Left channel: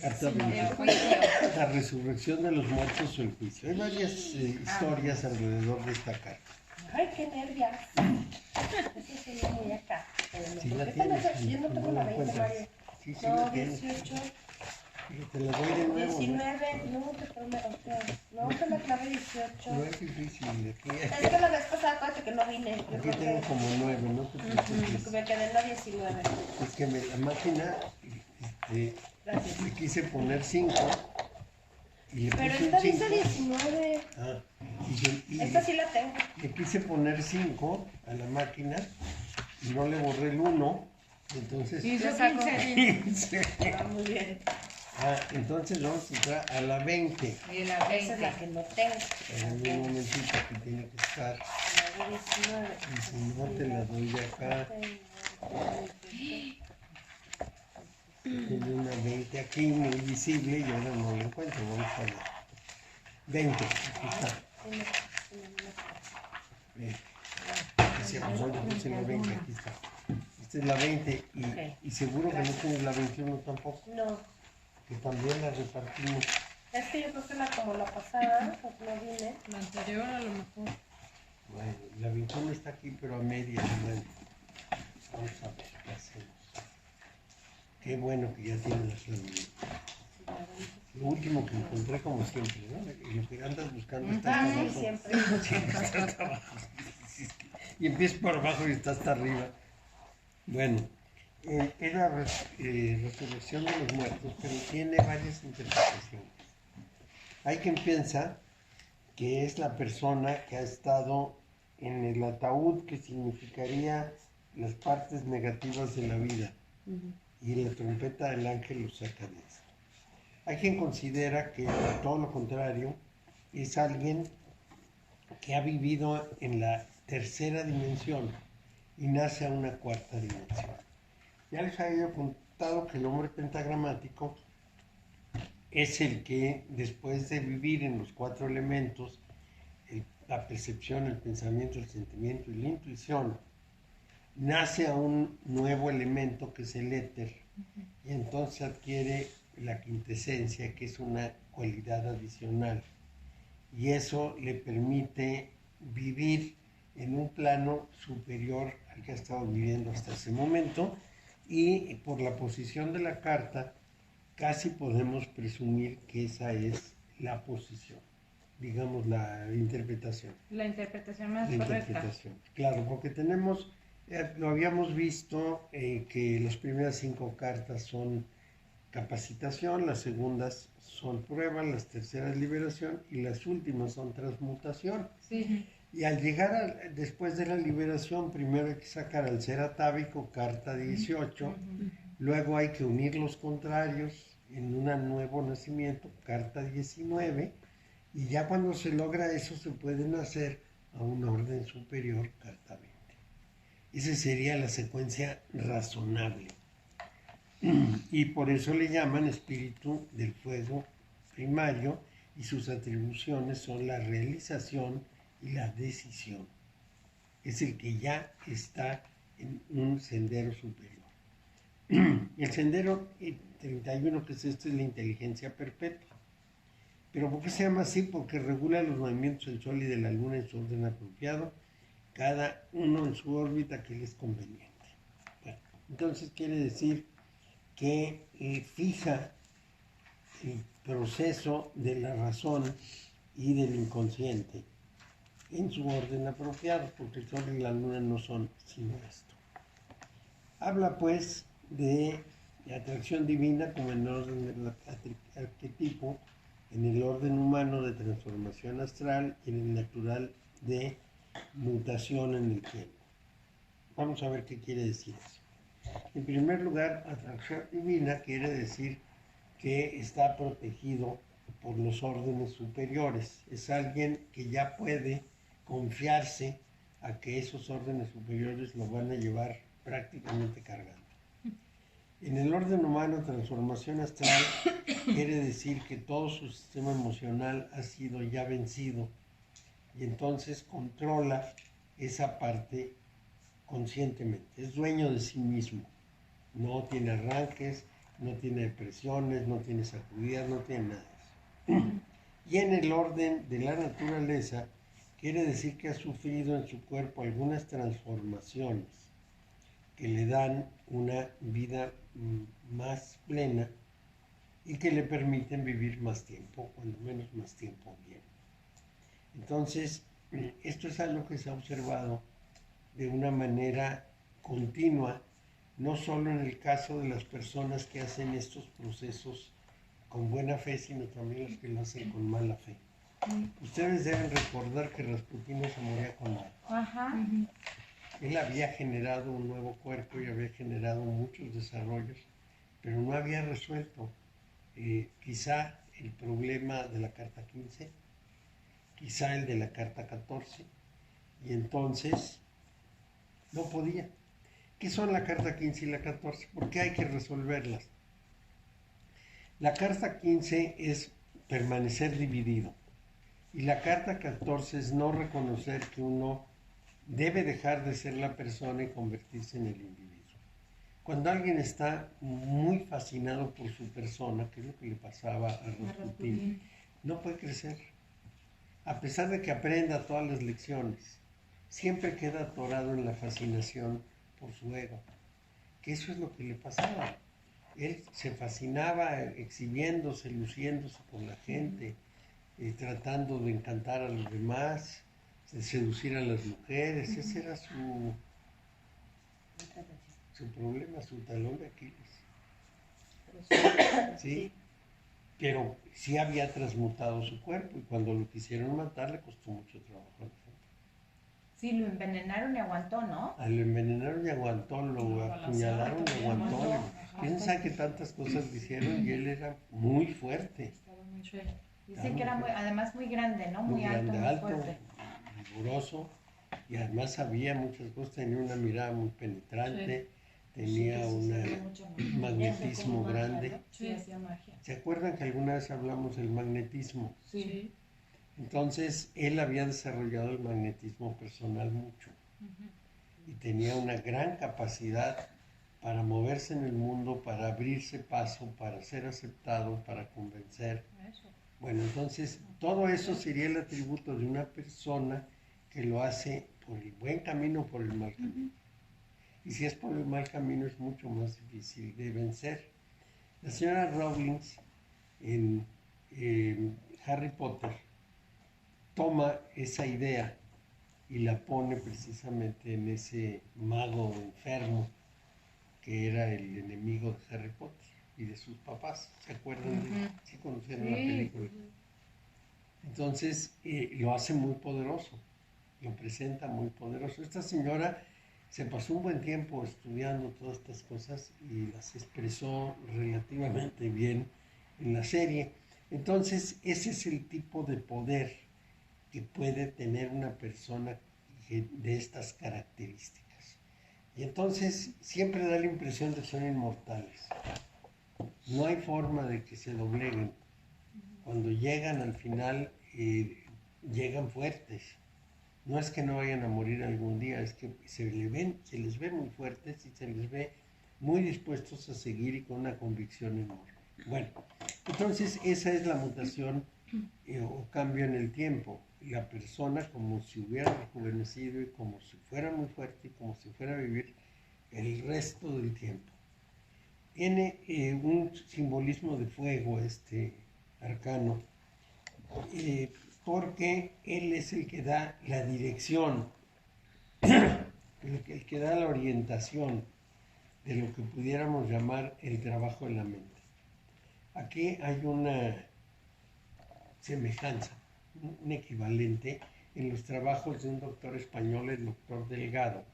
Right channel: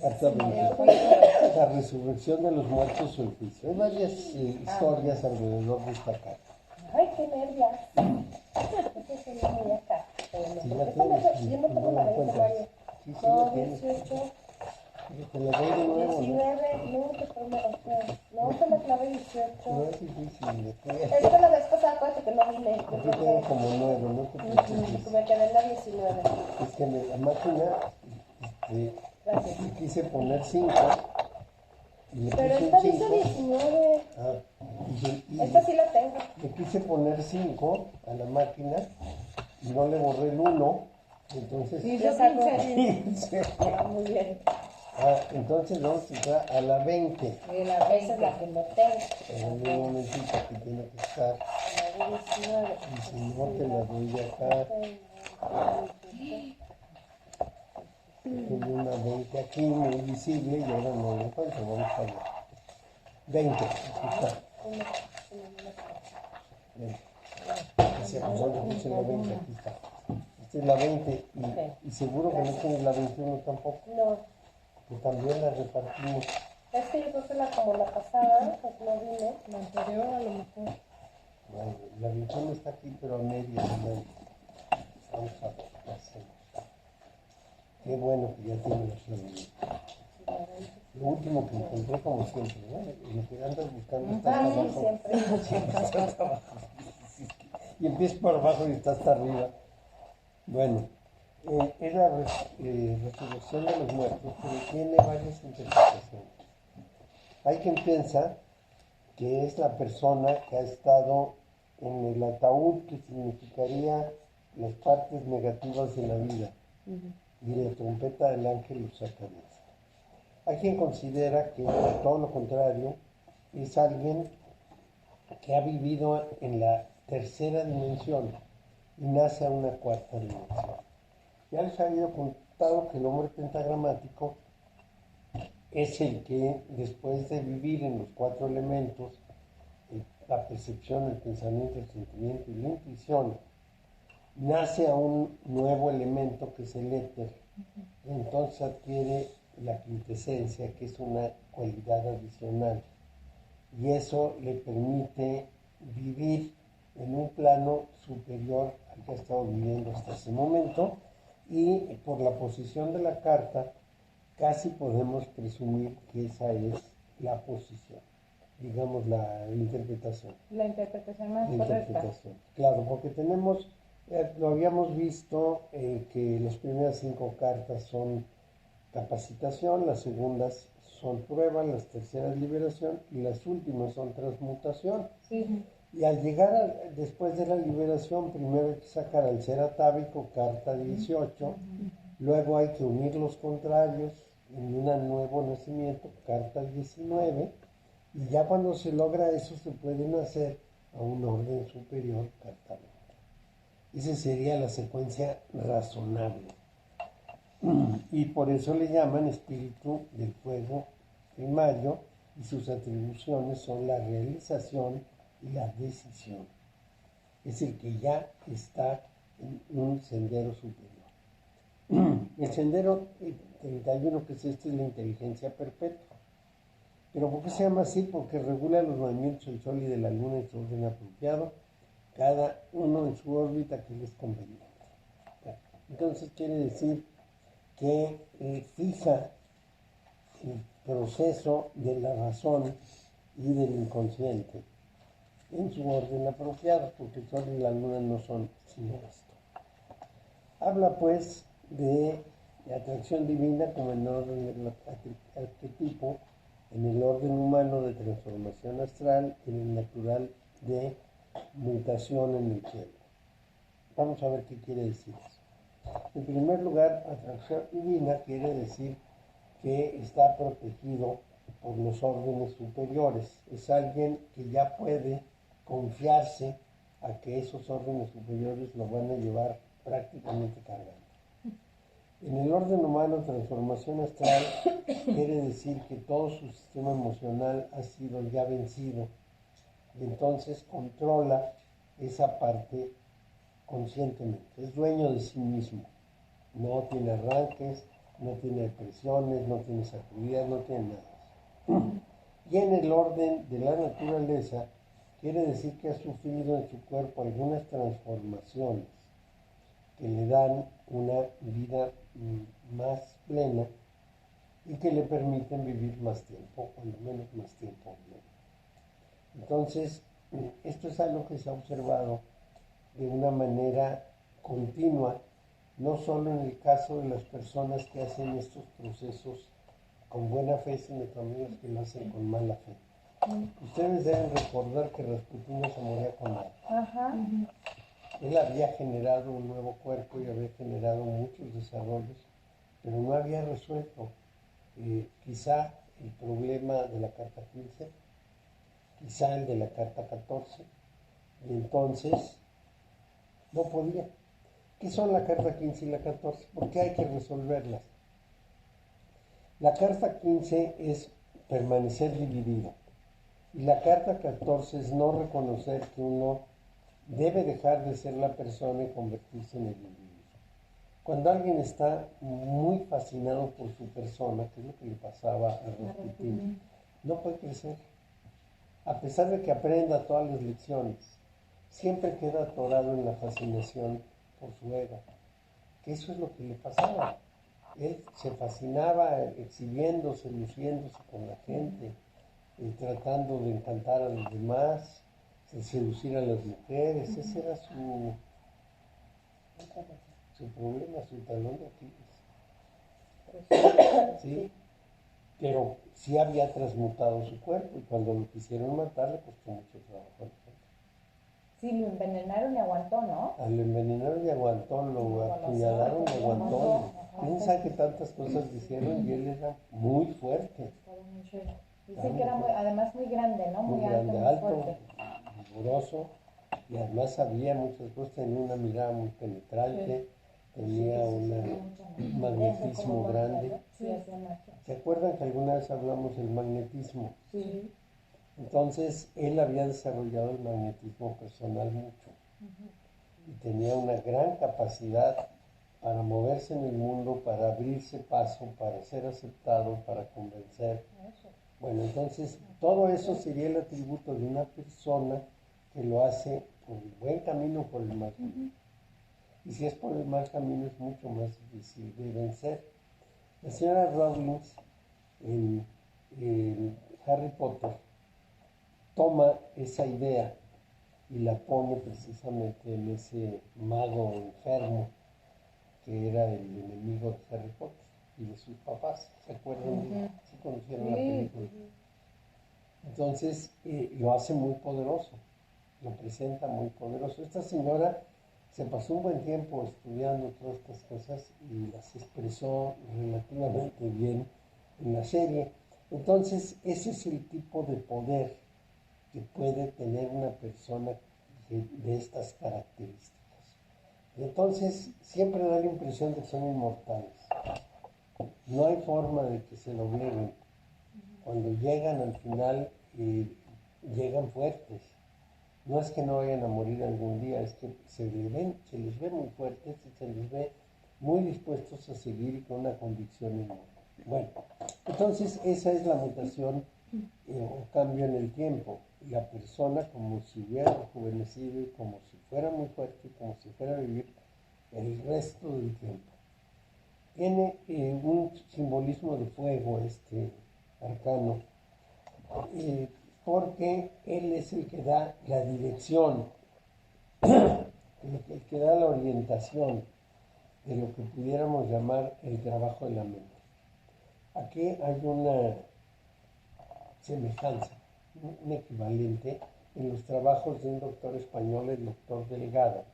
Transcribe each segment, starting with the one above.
Carta de la resurrección de los muertos o el juicio. Hay varias historias alrededor de esta carta. Ay, qué nervios. Esa es muy acá. Sí la tienes. Yo no tengo la 20, encuentras. Mario. Sí, sí No, la tienes. 18. Te la doy de nuevo. 19, no, te prometo. No, te la clave 18. No es difícil. Aquí, Es que la vez pasada, acuérdate que no vine. aquí tengo como 9, no te preocupes. Me quedé en la 19. Es que la máquina Gracias. le quise poner 5 y le Pero puse esta un 5. dice 19. Y Esta sí la tengo. le quise poner 5 a la máquina y no le borré el 1, entonces Hizo 15. Ah, muy bien. entonces vamos a entrar a la 20. Y la Esa es la que no tengo. En un momentito aquí tiene que estar. La de 19. Y si no te la doy acá. Tiene una 20 aquí muy visible y ahora no lo encuentro. Vamos a ver. 20, aquí está. Decía, pues ¿dónde puse la 20? Aquí está. Esta es la 20 y seguro que no tienes la 21 tampoco. No. Que también la repartimos. Es que yo creo que como la pasada, pues no vine. La anterior a lo mejor. Bueno, la 21 está aquí, pero a media. Bueno. Vamos a ver qué hacemos. Qué bueno que ya tienes la clave. Lo último que encontré, como siempre, ¿no? Y lo que andas buscando está hasta abajo. Siempre. Siempre está hasta abajo. Y empiezas por abajo y está hasta arriba. Bueno, es la resurrección de los muertos, pero tiene varias interpretaciones. Hay quien piensa que es la persona que ha estado en el ataúd, que significaría las partes negativas de la vida, y la trompeta del ángel los saca de esto. Hay quien considera que todo lo contrario es alguien que ha vivido en la tercera dimensión y nace a una cuarta dimensión. Ya les había contado que el hombre pentagramático es el que, después de vivir en los 4 elementos, la percepción, el pensamiento, el sentimiento y la intuición, nace a un nuevo elemento que es el éter, y entonces adquiere la quintesencia, que es una cualidad adicional, y eso le permite vivir en un plano superior al que ha estado viviendo hasta ese momento, y por la posición de la carta casi podemos presumir que esa es la posición, digamos la interpretación. La interpretación más La correcta. interpretación, claro, porque tenemos, lo habíamos visto, que las primeras 5 cartas son capacitación, las segundas son prueba, las terceras liberación y las últimas son transmutación. Sí. Y al llegar después de la liberación, primero hay que sacar al ser atávico, carta 18, luego hay que unir los contrarios en un nuevo nacimiento, carta 19, y ya cuando se logra eso se pueden hacer a un orden superior, carta 20. Esa sería la secuencia razonable. Y por eso le llaman espíritu del fuego primario, y sus atribuciones son la realización y la decisión. Es el que ya está en un sendero superior. El sendero 31, que es esto, es la inteligencia perpetua. ¿Pero por qué se llama así? Porque regula los movimientos del Sol y de la Luna en su orden apropiado, cada uno en su órbita que les es conveniente. Entonces quiere decir que fija el proceso de la razón y del inconsciente en su orden apropiado, porque el Sol y la Luna no son sino esto. Habla pues de atracción divina como en el orden del arquetipo, en el orden humano de transformación astral y en el natural de mutación en el tiempo. Vamos a ver qué quiere decir eso. En primer lugar, atracción divina quiere decir que está protegido por los órdenes superiores. Es alguien que ya puede confiarse a que esos órdenes superiores lo van a llevar prácticamente cargando. En el orden humano, transformación astral quiere decir que todo su sistema emocional ha sido ya vencido y entonces controla esa parte conscientemente. Es dueño de sí mismo. No tiene arranques, no tiene depresiones, no tiene sacudidas, no tiene nada de eso. Y en el orden de la naturaleza, quiere decir que ha sufrido en su cuerpo algunas transformaciones que le dan una vida más plena y que le permiten vivir más tiempo, cuando menos más tiempo bien. Entonces, esto es algo que se ha observado de una manera continua, no solo en el caso de las personas que hacen estos procesos con buena fe, sino también los que lo hacen con mala fe. Ustedes deben recordar que Rasputin no se moría con nada. Ajá. Él había generado un nuevo cuerpo y había generado muchos desarrollos, pero no había resuelto quizá el problema de la carta 15, quizá el de la carta 14, y entonces no podía. ¿Qué son la carta 15 y la 14? ¿Por qué hay que resolverlas? La carta 15 es permanecer dividido y la carta 14 es no reconocer que uno debe dejar de ser la persona y convertirse en el individuo. Cuando alguien está muy fascinado por su persona, que es lo que le pasaba a Rasputin, no puede crecer. A pesar de que aprenda todas las lecciones, siempre queda atorado en la fascinación por su ego, que eso es lo que le pasaba. Él se fascinaba exhibiéndose, luciéndose con la gente, tratando de encantar a los demás, de seducir a las mujeres. Ese era su problema, su talón de Aquiles. ¿Sí? Pero sí había transmutado su cuerpo y cuando lo quisieron matar le costó mucho trabajo a la gente. Sí, lo envenenaron y aguantó, ¿no? Lo envenenaron y aguantó, lo apuñalaron y aguantó. Quién sabe que tantas cosas le hicieron y él era muy fuerte. Dicen que era además muy grande, ¿no? Muy grande, alto, muy fuerte. vigoroso, y además sabía muchas cosas, tenía una mirada muy penetrante, tenía un magnetismo grande. Sí, hacía magia. ¿Se acuerdan que alguna vez hablamos del magnetismo? Sí. Entonces, él había desarrollado el magnetismo personal mucho y tenía una gran capacidad para moverse en el mundo, para abrirse paso, para ser aceptado, para convencer. Bueno, entonces, todo eso sería el atributo de una persona que lo hace por el buen camino o por el mal camino. Y si es por el mal camino, es mucho más difícil de vencer. La señora Rowling en Harry Potter toma esa idea y la pone precisamente en ese mago enfermo que era el enemigo de Harry Potter y de sus papás. ¿Se acuerdan? Sí conocieron la película. Entonces lo hace muy poderoso, lo presenta muy poderoso. Esta señora se pasó un buen tiempo estudiando todas estas cosas y las expresó relativamente bien en la serie. Entonces ese es el tipo de poder que puede tener una persona de estas características. Y entonces siempre da la impresión de que son inmortales. No hay forma de que se dobleguen. Cuando llegan al final, llegan fuertes. No es que no vayan a morir algún día, es que se les ve muy fuertes y se les ve muy dispuestos a seguir y con una convicción enorme. Bueno, entonces esa es la mutación o cambio en el tiempo. La persona como si hubiera rejuvenecido y como si fuera muy fuerte y como si fuera a vivir el resto del tiempo. Tiene un simbolismo de fuego este arcano, porque él es el que da la dirección, el que da la orientación de lo que pudiéramos llamar el trabajo de la mente. Aquí hay una semejanza, un equivalente en los trabajos de un doctor español, el doctor Delgado,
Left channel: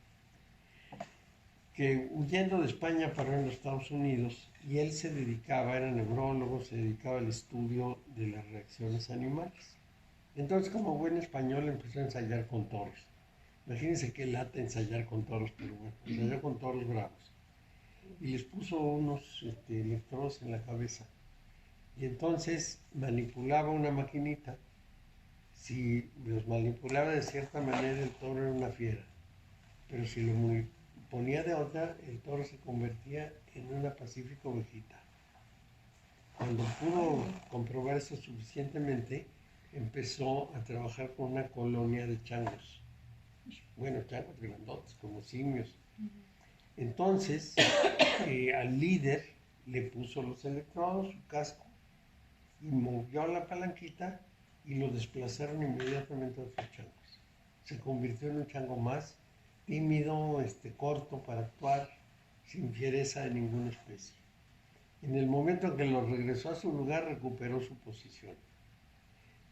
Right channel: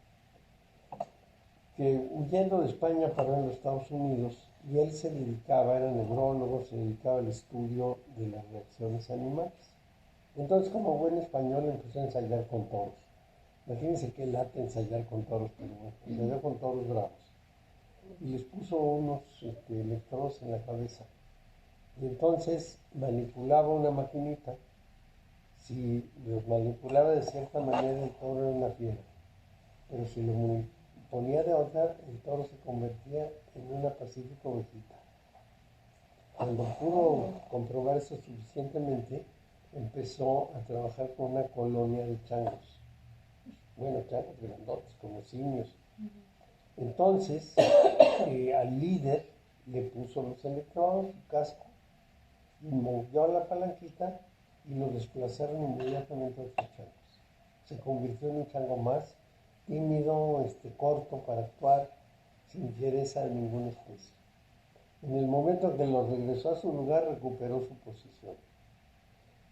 que huyendo de España paró en los Estados Unidos y él se dedicaba, era neurólogo, se dedicaba al estudio de las reacciones animales. Entonces, como buen español, empezó a ensayar con toros. Imagínense qué lata ensayar con toros, pero bueno, ensayó con toros bravos. Y les puso unos electrodos en la cabeza. Y entonces manipulaba una maquinita. Si los manipulaba de cierta manera, el toro era una fiera. Pero si lo ponía de otra, el toro se convertía en una pacífica ovejita. Cuando pudo comprobar eso suficientemente, empezó a trabajar con una colonia de changos. Bueno, changos grandotes, como simios. Entonces, al líder le puso los electrodos, su casco, y movió la palanquita y lo desplazaron inmediatamente a otros changos. Se convirtió en un chango más tímido, corto para actuar, sin fiereza de ninguna especie. En el momento en que lo regresó a su lugar, recuperó su posición.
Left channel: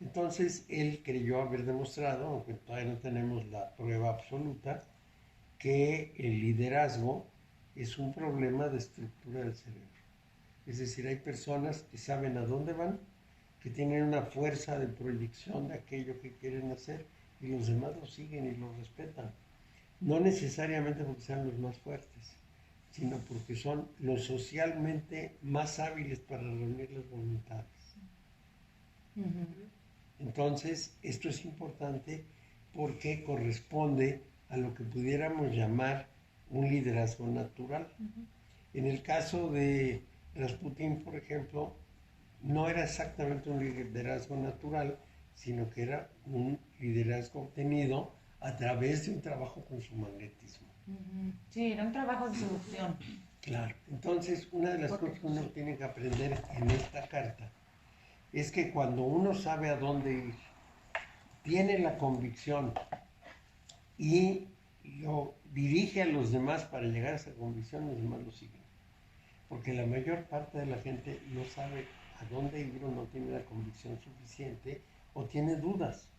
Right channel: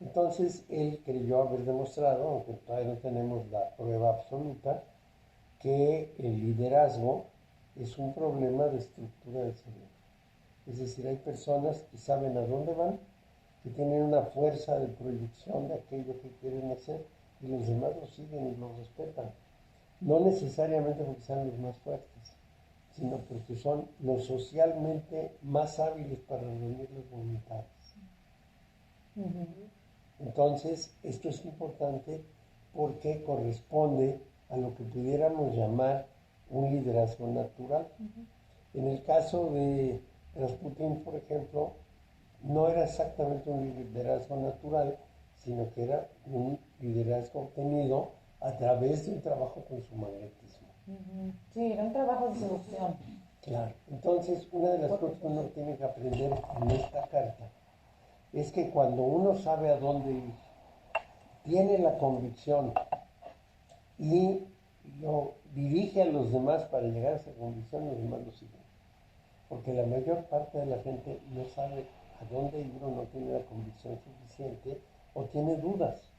Entonces, él creyó haber demostrado, aunque todavía no tenemos la prueba absoluta, que el liderazgo es un problema de estructura del cerebro. Es decir, hay personas que saben a dónde van, que tienen una fuerza de proyección de aquello que quieren hacer y los demás lo siguen y lo respetan. No necesariamente porque sean los más fuertes, sino porque son los socialmente más hábiles para reunir las voluntades. Entonces, esto es importante porque corresponde a lo que pudiéramos llamar un liderazgo natural. En el caso de Rasputín, por ejemplo, no era exactamente un liderazgo natural, sino que era un liderazgo obtenido a través de un trabajo con su magnetismo. Sí, era un trabajo de seducción. Claro. Entonces, una de las cosas que uno tiene que aprender en esta carta es que cuando uno sabe a dónde ir, tiene la convicción y lo dirige a los demás para llegar a esa convicción, los demás lo siguen. Porque la mayor parte de la gente no sabe a dónde ir o no tiene la convicción suficiente o tiene dudas.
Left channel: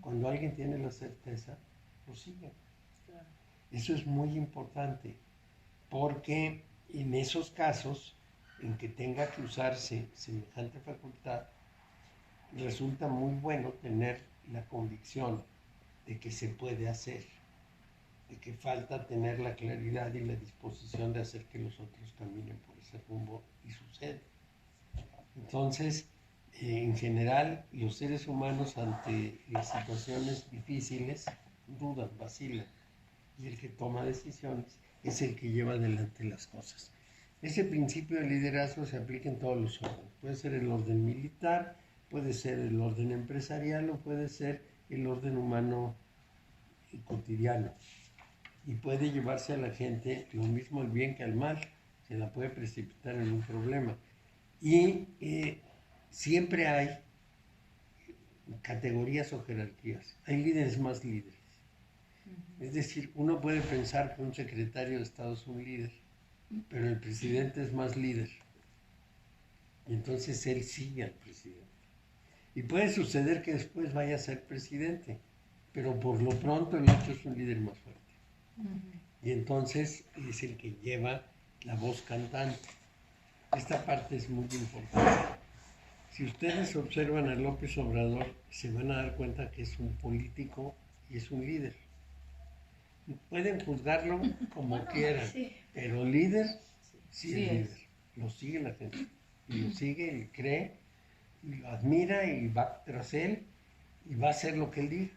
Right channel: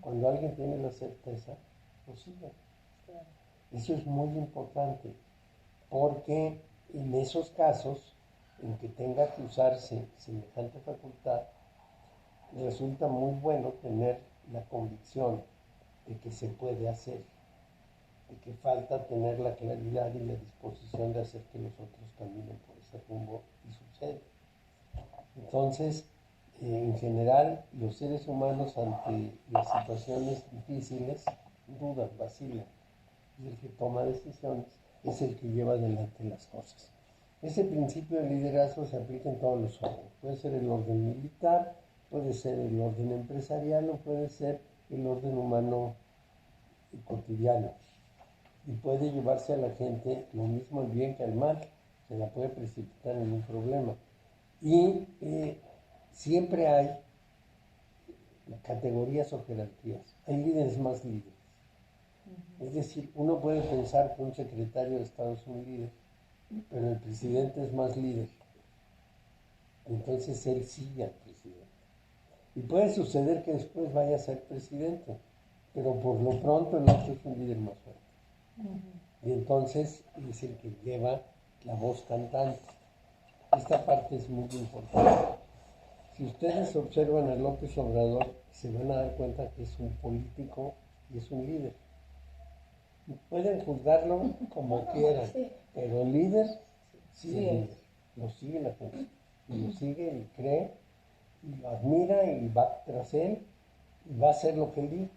Cuando alguien tiene la certeza, lo siguen. Claro. Eso es muy importante, porque en esos casos en que tenga que usarse semejante facultad, resulta muy bueno tener la convicción de que se puede hacer, de que falta tener la claridad y la disposición de hacer que los otros caminen por ese rumbo y sucede. Entonces, en general, los seres humanos ante las situaciones difíciles dudan, vacilan, y el que toma decisiones es el que lleva adelante las cosas. Ese principio de liderazgo se aplica en todos los órdenes. Puede ser el orden militar, puede ser el orden empresarial o puede ser el orden humano cotidiano. Y puede llevarse a la gente lo mismo al bien que al mal, se la puede precipitar en un problema. Y siempre hay categorías o jerarquías. Hay líderes más líderes. Es decir, uno puede pensar que un secretario de Estado es un líder, pero el presidente es más líder. Y entonces él sigue al presidente. Y puede suceder que después vaya a ser presidente, pero por lo pronto el otro es un líder más fuerte. Y entonces es el que lleva la voz cantante. Esta parte es muy importante. Si ustedes observan a López Obrador, se van a dar cuenta que es un político y es un líder. Pueden juzgarlo como quieran, pero líder sí es líder. Lo sigue la gente. Y lo sigue y cree, y lo admira y va tras él y va a hacer lo que él diga.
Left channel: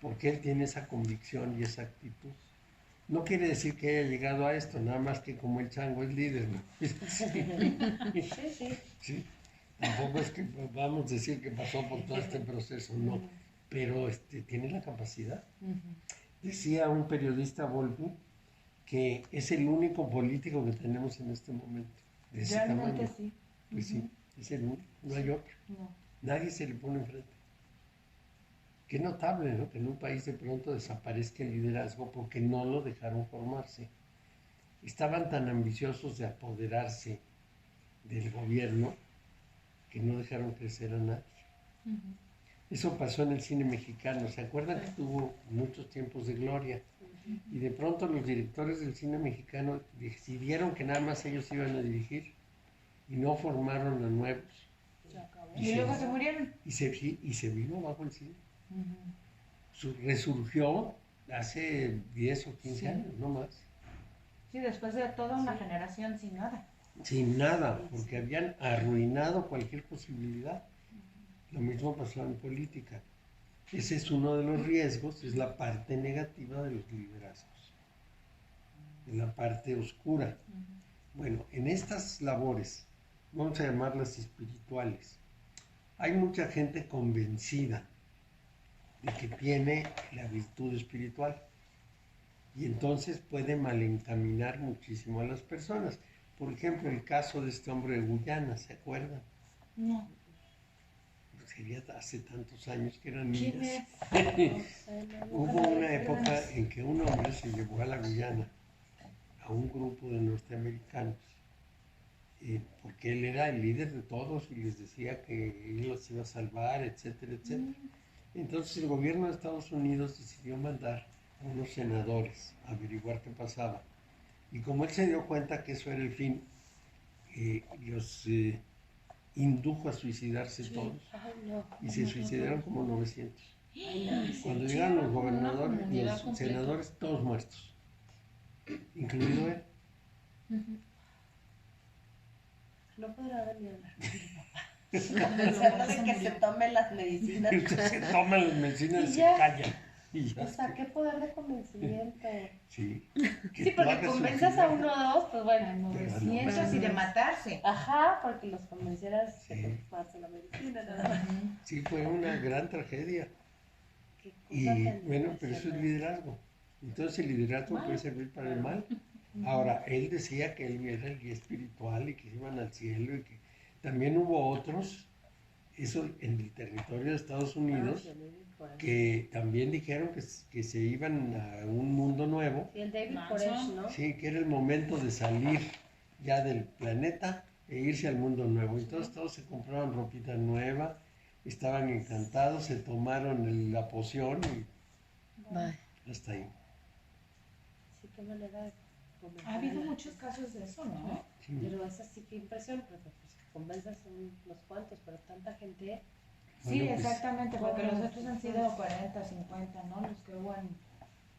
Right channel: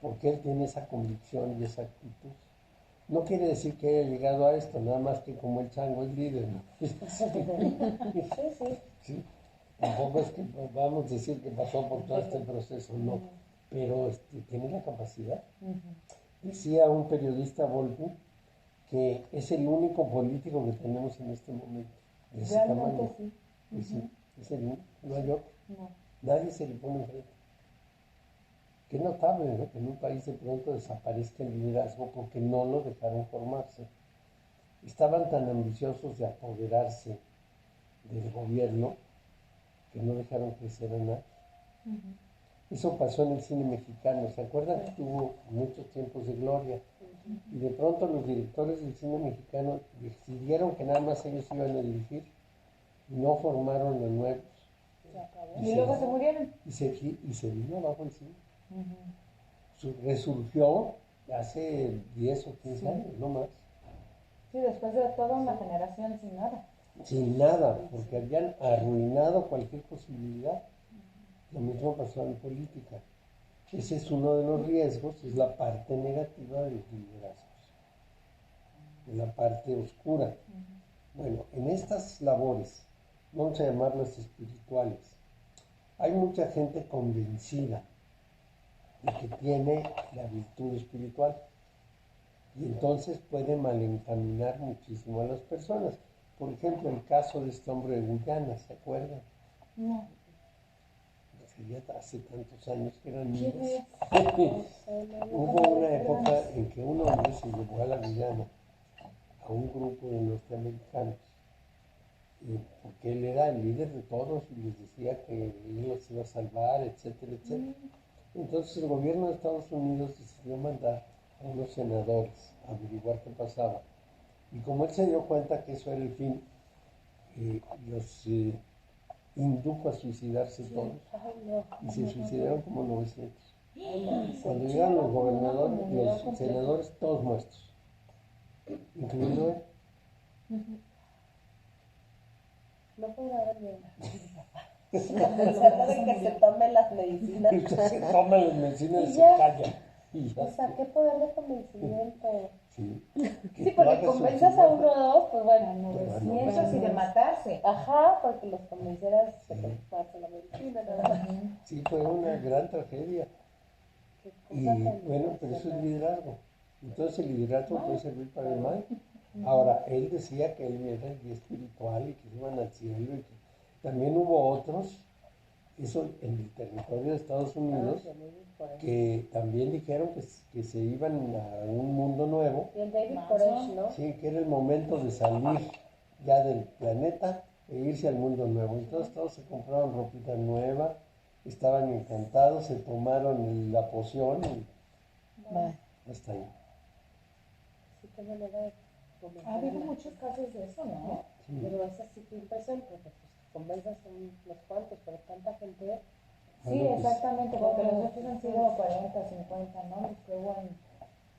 Porque él tiene esa convicción y esa actitud. No quiere decir que haya llegado a esto, nada más que como el chango es líder, ¿no? Sí. Tampoco es que vamos a decir que pasó por todo este proceso, no. Pero tiene la capacidad. Decía un periodista, Volpi, que es el único político que tenemos en este momento, de ese tamaño. Sí. Pues sí, es el único, no hay otro. No. Nadie se le pone enfrente. Qué notable, ¿no? Que en un país de pronto desaparezca el liderazgo porque no lo dejaron formarse. Estaban tan ambiciosos de apoderarse del gobierno que no dejaron crecer a nadie. Eso pasó en el cine mexicano. ¿Se acuerdan que tuvo muchos tiempos de gloria? Y de pronto los directores del cine mexicano decidieron que nada más ellos iban a dirigir y no formaron a nuevos. Y luego se murieron. Y se vino abajo el cine. Resurgió hace 10 o 15 años, no más. Sí, después de toda una generación sin nada. Sin nada, porque habían arruinado cualquier posibilidad. Lo mismo pasó en política. Ese es uno de los riesgos, es la parte negativa de los liderazgos, de la parte oscura. Bueno, en estas labores vamos a llamarlas espirituales. Hay mucha gente convencida de que tiene la virtud espiritual y entonces puede malencaminar muchísimo a las personas. Por ejemplo, el caso de este hombre de Guyana, ¿se acuerdan? No. Sería hace tantos años que eran ¿Quién niñas. es? Hubo una época en que un hombre se llevó a la Guyana a un grupo de norteamericanos porque él era el líder de todos y les decía que él los iba a salvar, etcétera, etcétera. Entonces el gobierno de Estados Unidos decidió mandar a unos senadores a averiguar qué pasaba. Y como él se dio cuenta que eso era el fin, los indujo a suicidarse todos. Ay, no. Y se suicidaron como 900. Ay, no. Cuando Sí, llegaron los era como una gobernadores, comunidad los completa. senadores, todos muertos, incluido él. No podrá venir. Pensando de que se tome las medicinas. Se toman las medicinas y Y se ya. callan. Y ya. O sea, qué poder de convencimiento. Sí, que Sí, tú porque hagas convenzas a suicidar. uno o dos, pues bueno. Pero no. 900 y de matarse. Ajá, porque los convencieras que Sí. te pasa la medicina, nada más. Sí, fue una gran tragedia. Qué cosa Y tan bueno, pero eso es impresionante. liderazgo. Entonces el liderazgo puede servir para el mal. Ahora, él decía que él era el guía espiritual y que iban al cielo y que también hubo otros, eso en el territorio de Estados Unidos, Ah, sí, por eso. que también dijeron que se iban a un mundo nuevo. Y el David Manson. Koresh, ¿no? Sí, que era el momento de salir ya del planeta e irse al mundo nuevo. Entonces todos se compraron ropita nueva, estaban encantados, se tomaron la poción y hasta ahí. Sí, qué manera de Ha convencer habido a la muchos casos de eso, ¿no? Sí. Pero es así que impresión, porque pues que convenzas a unos cuantos, pero tanta gente. Sí, Bueno, pues, exactamente, porque Bueno, los otros han sido 40, 50, ¿no? Los que hubo en...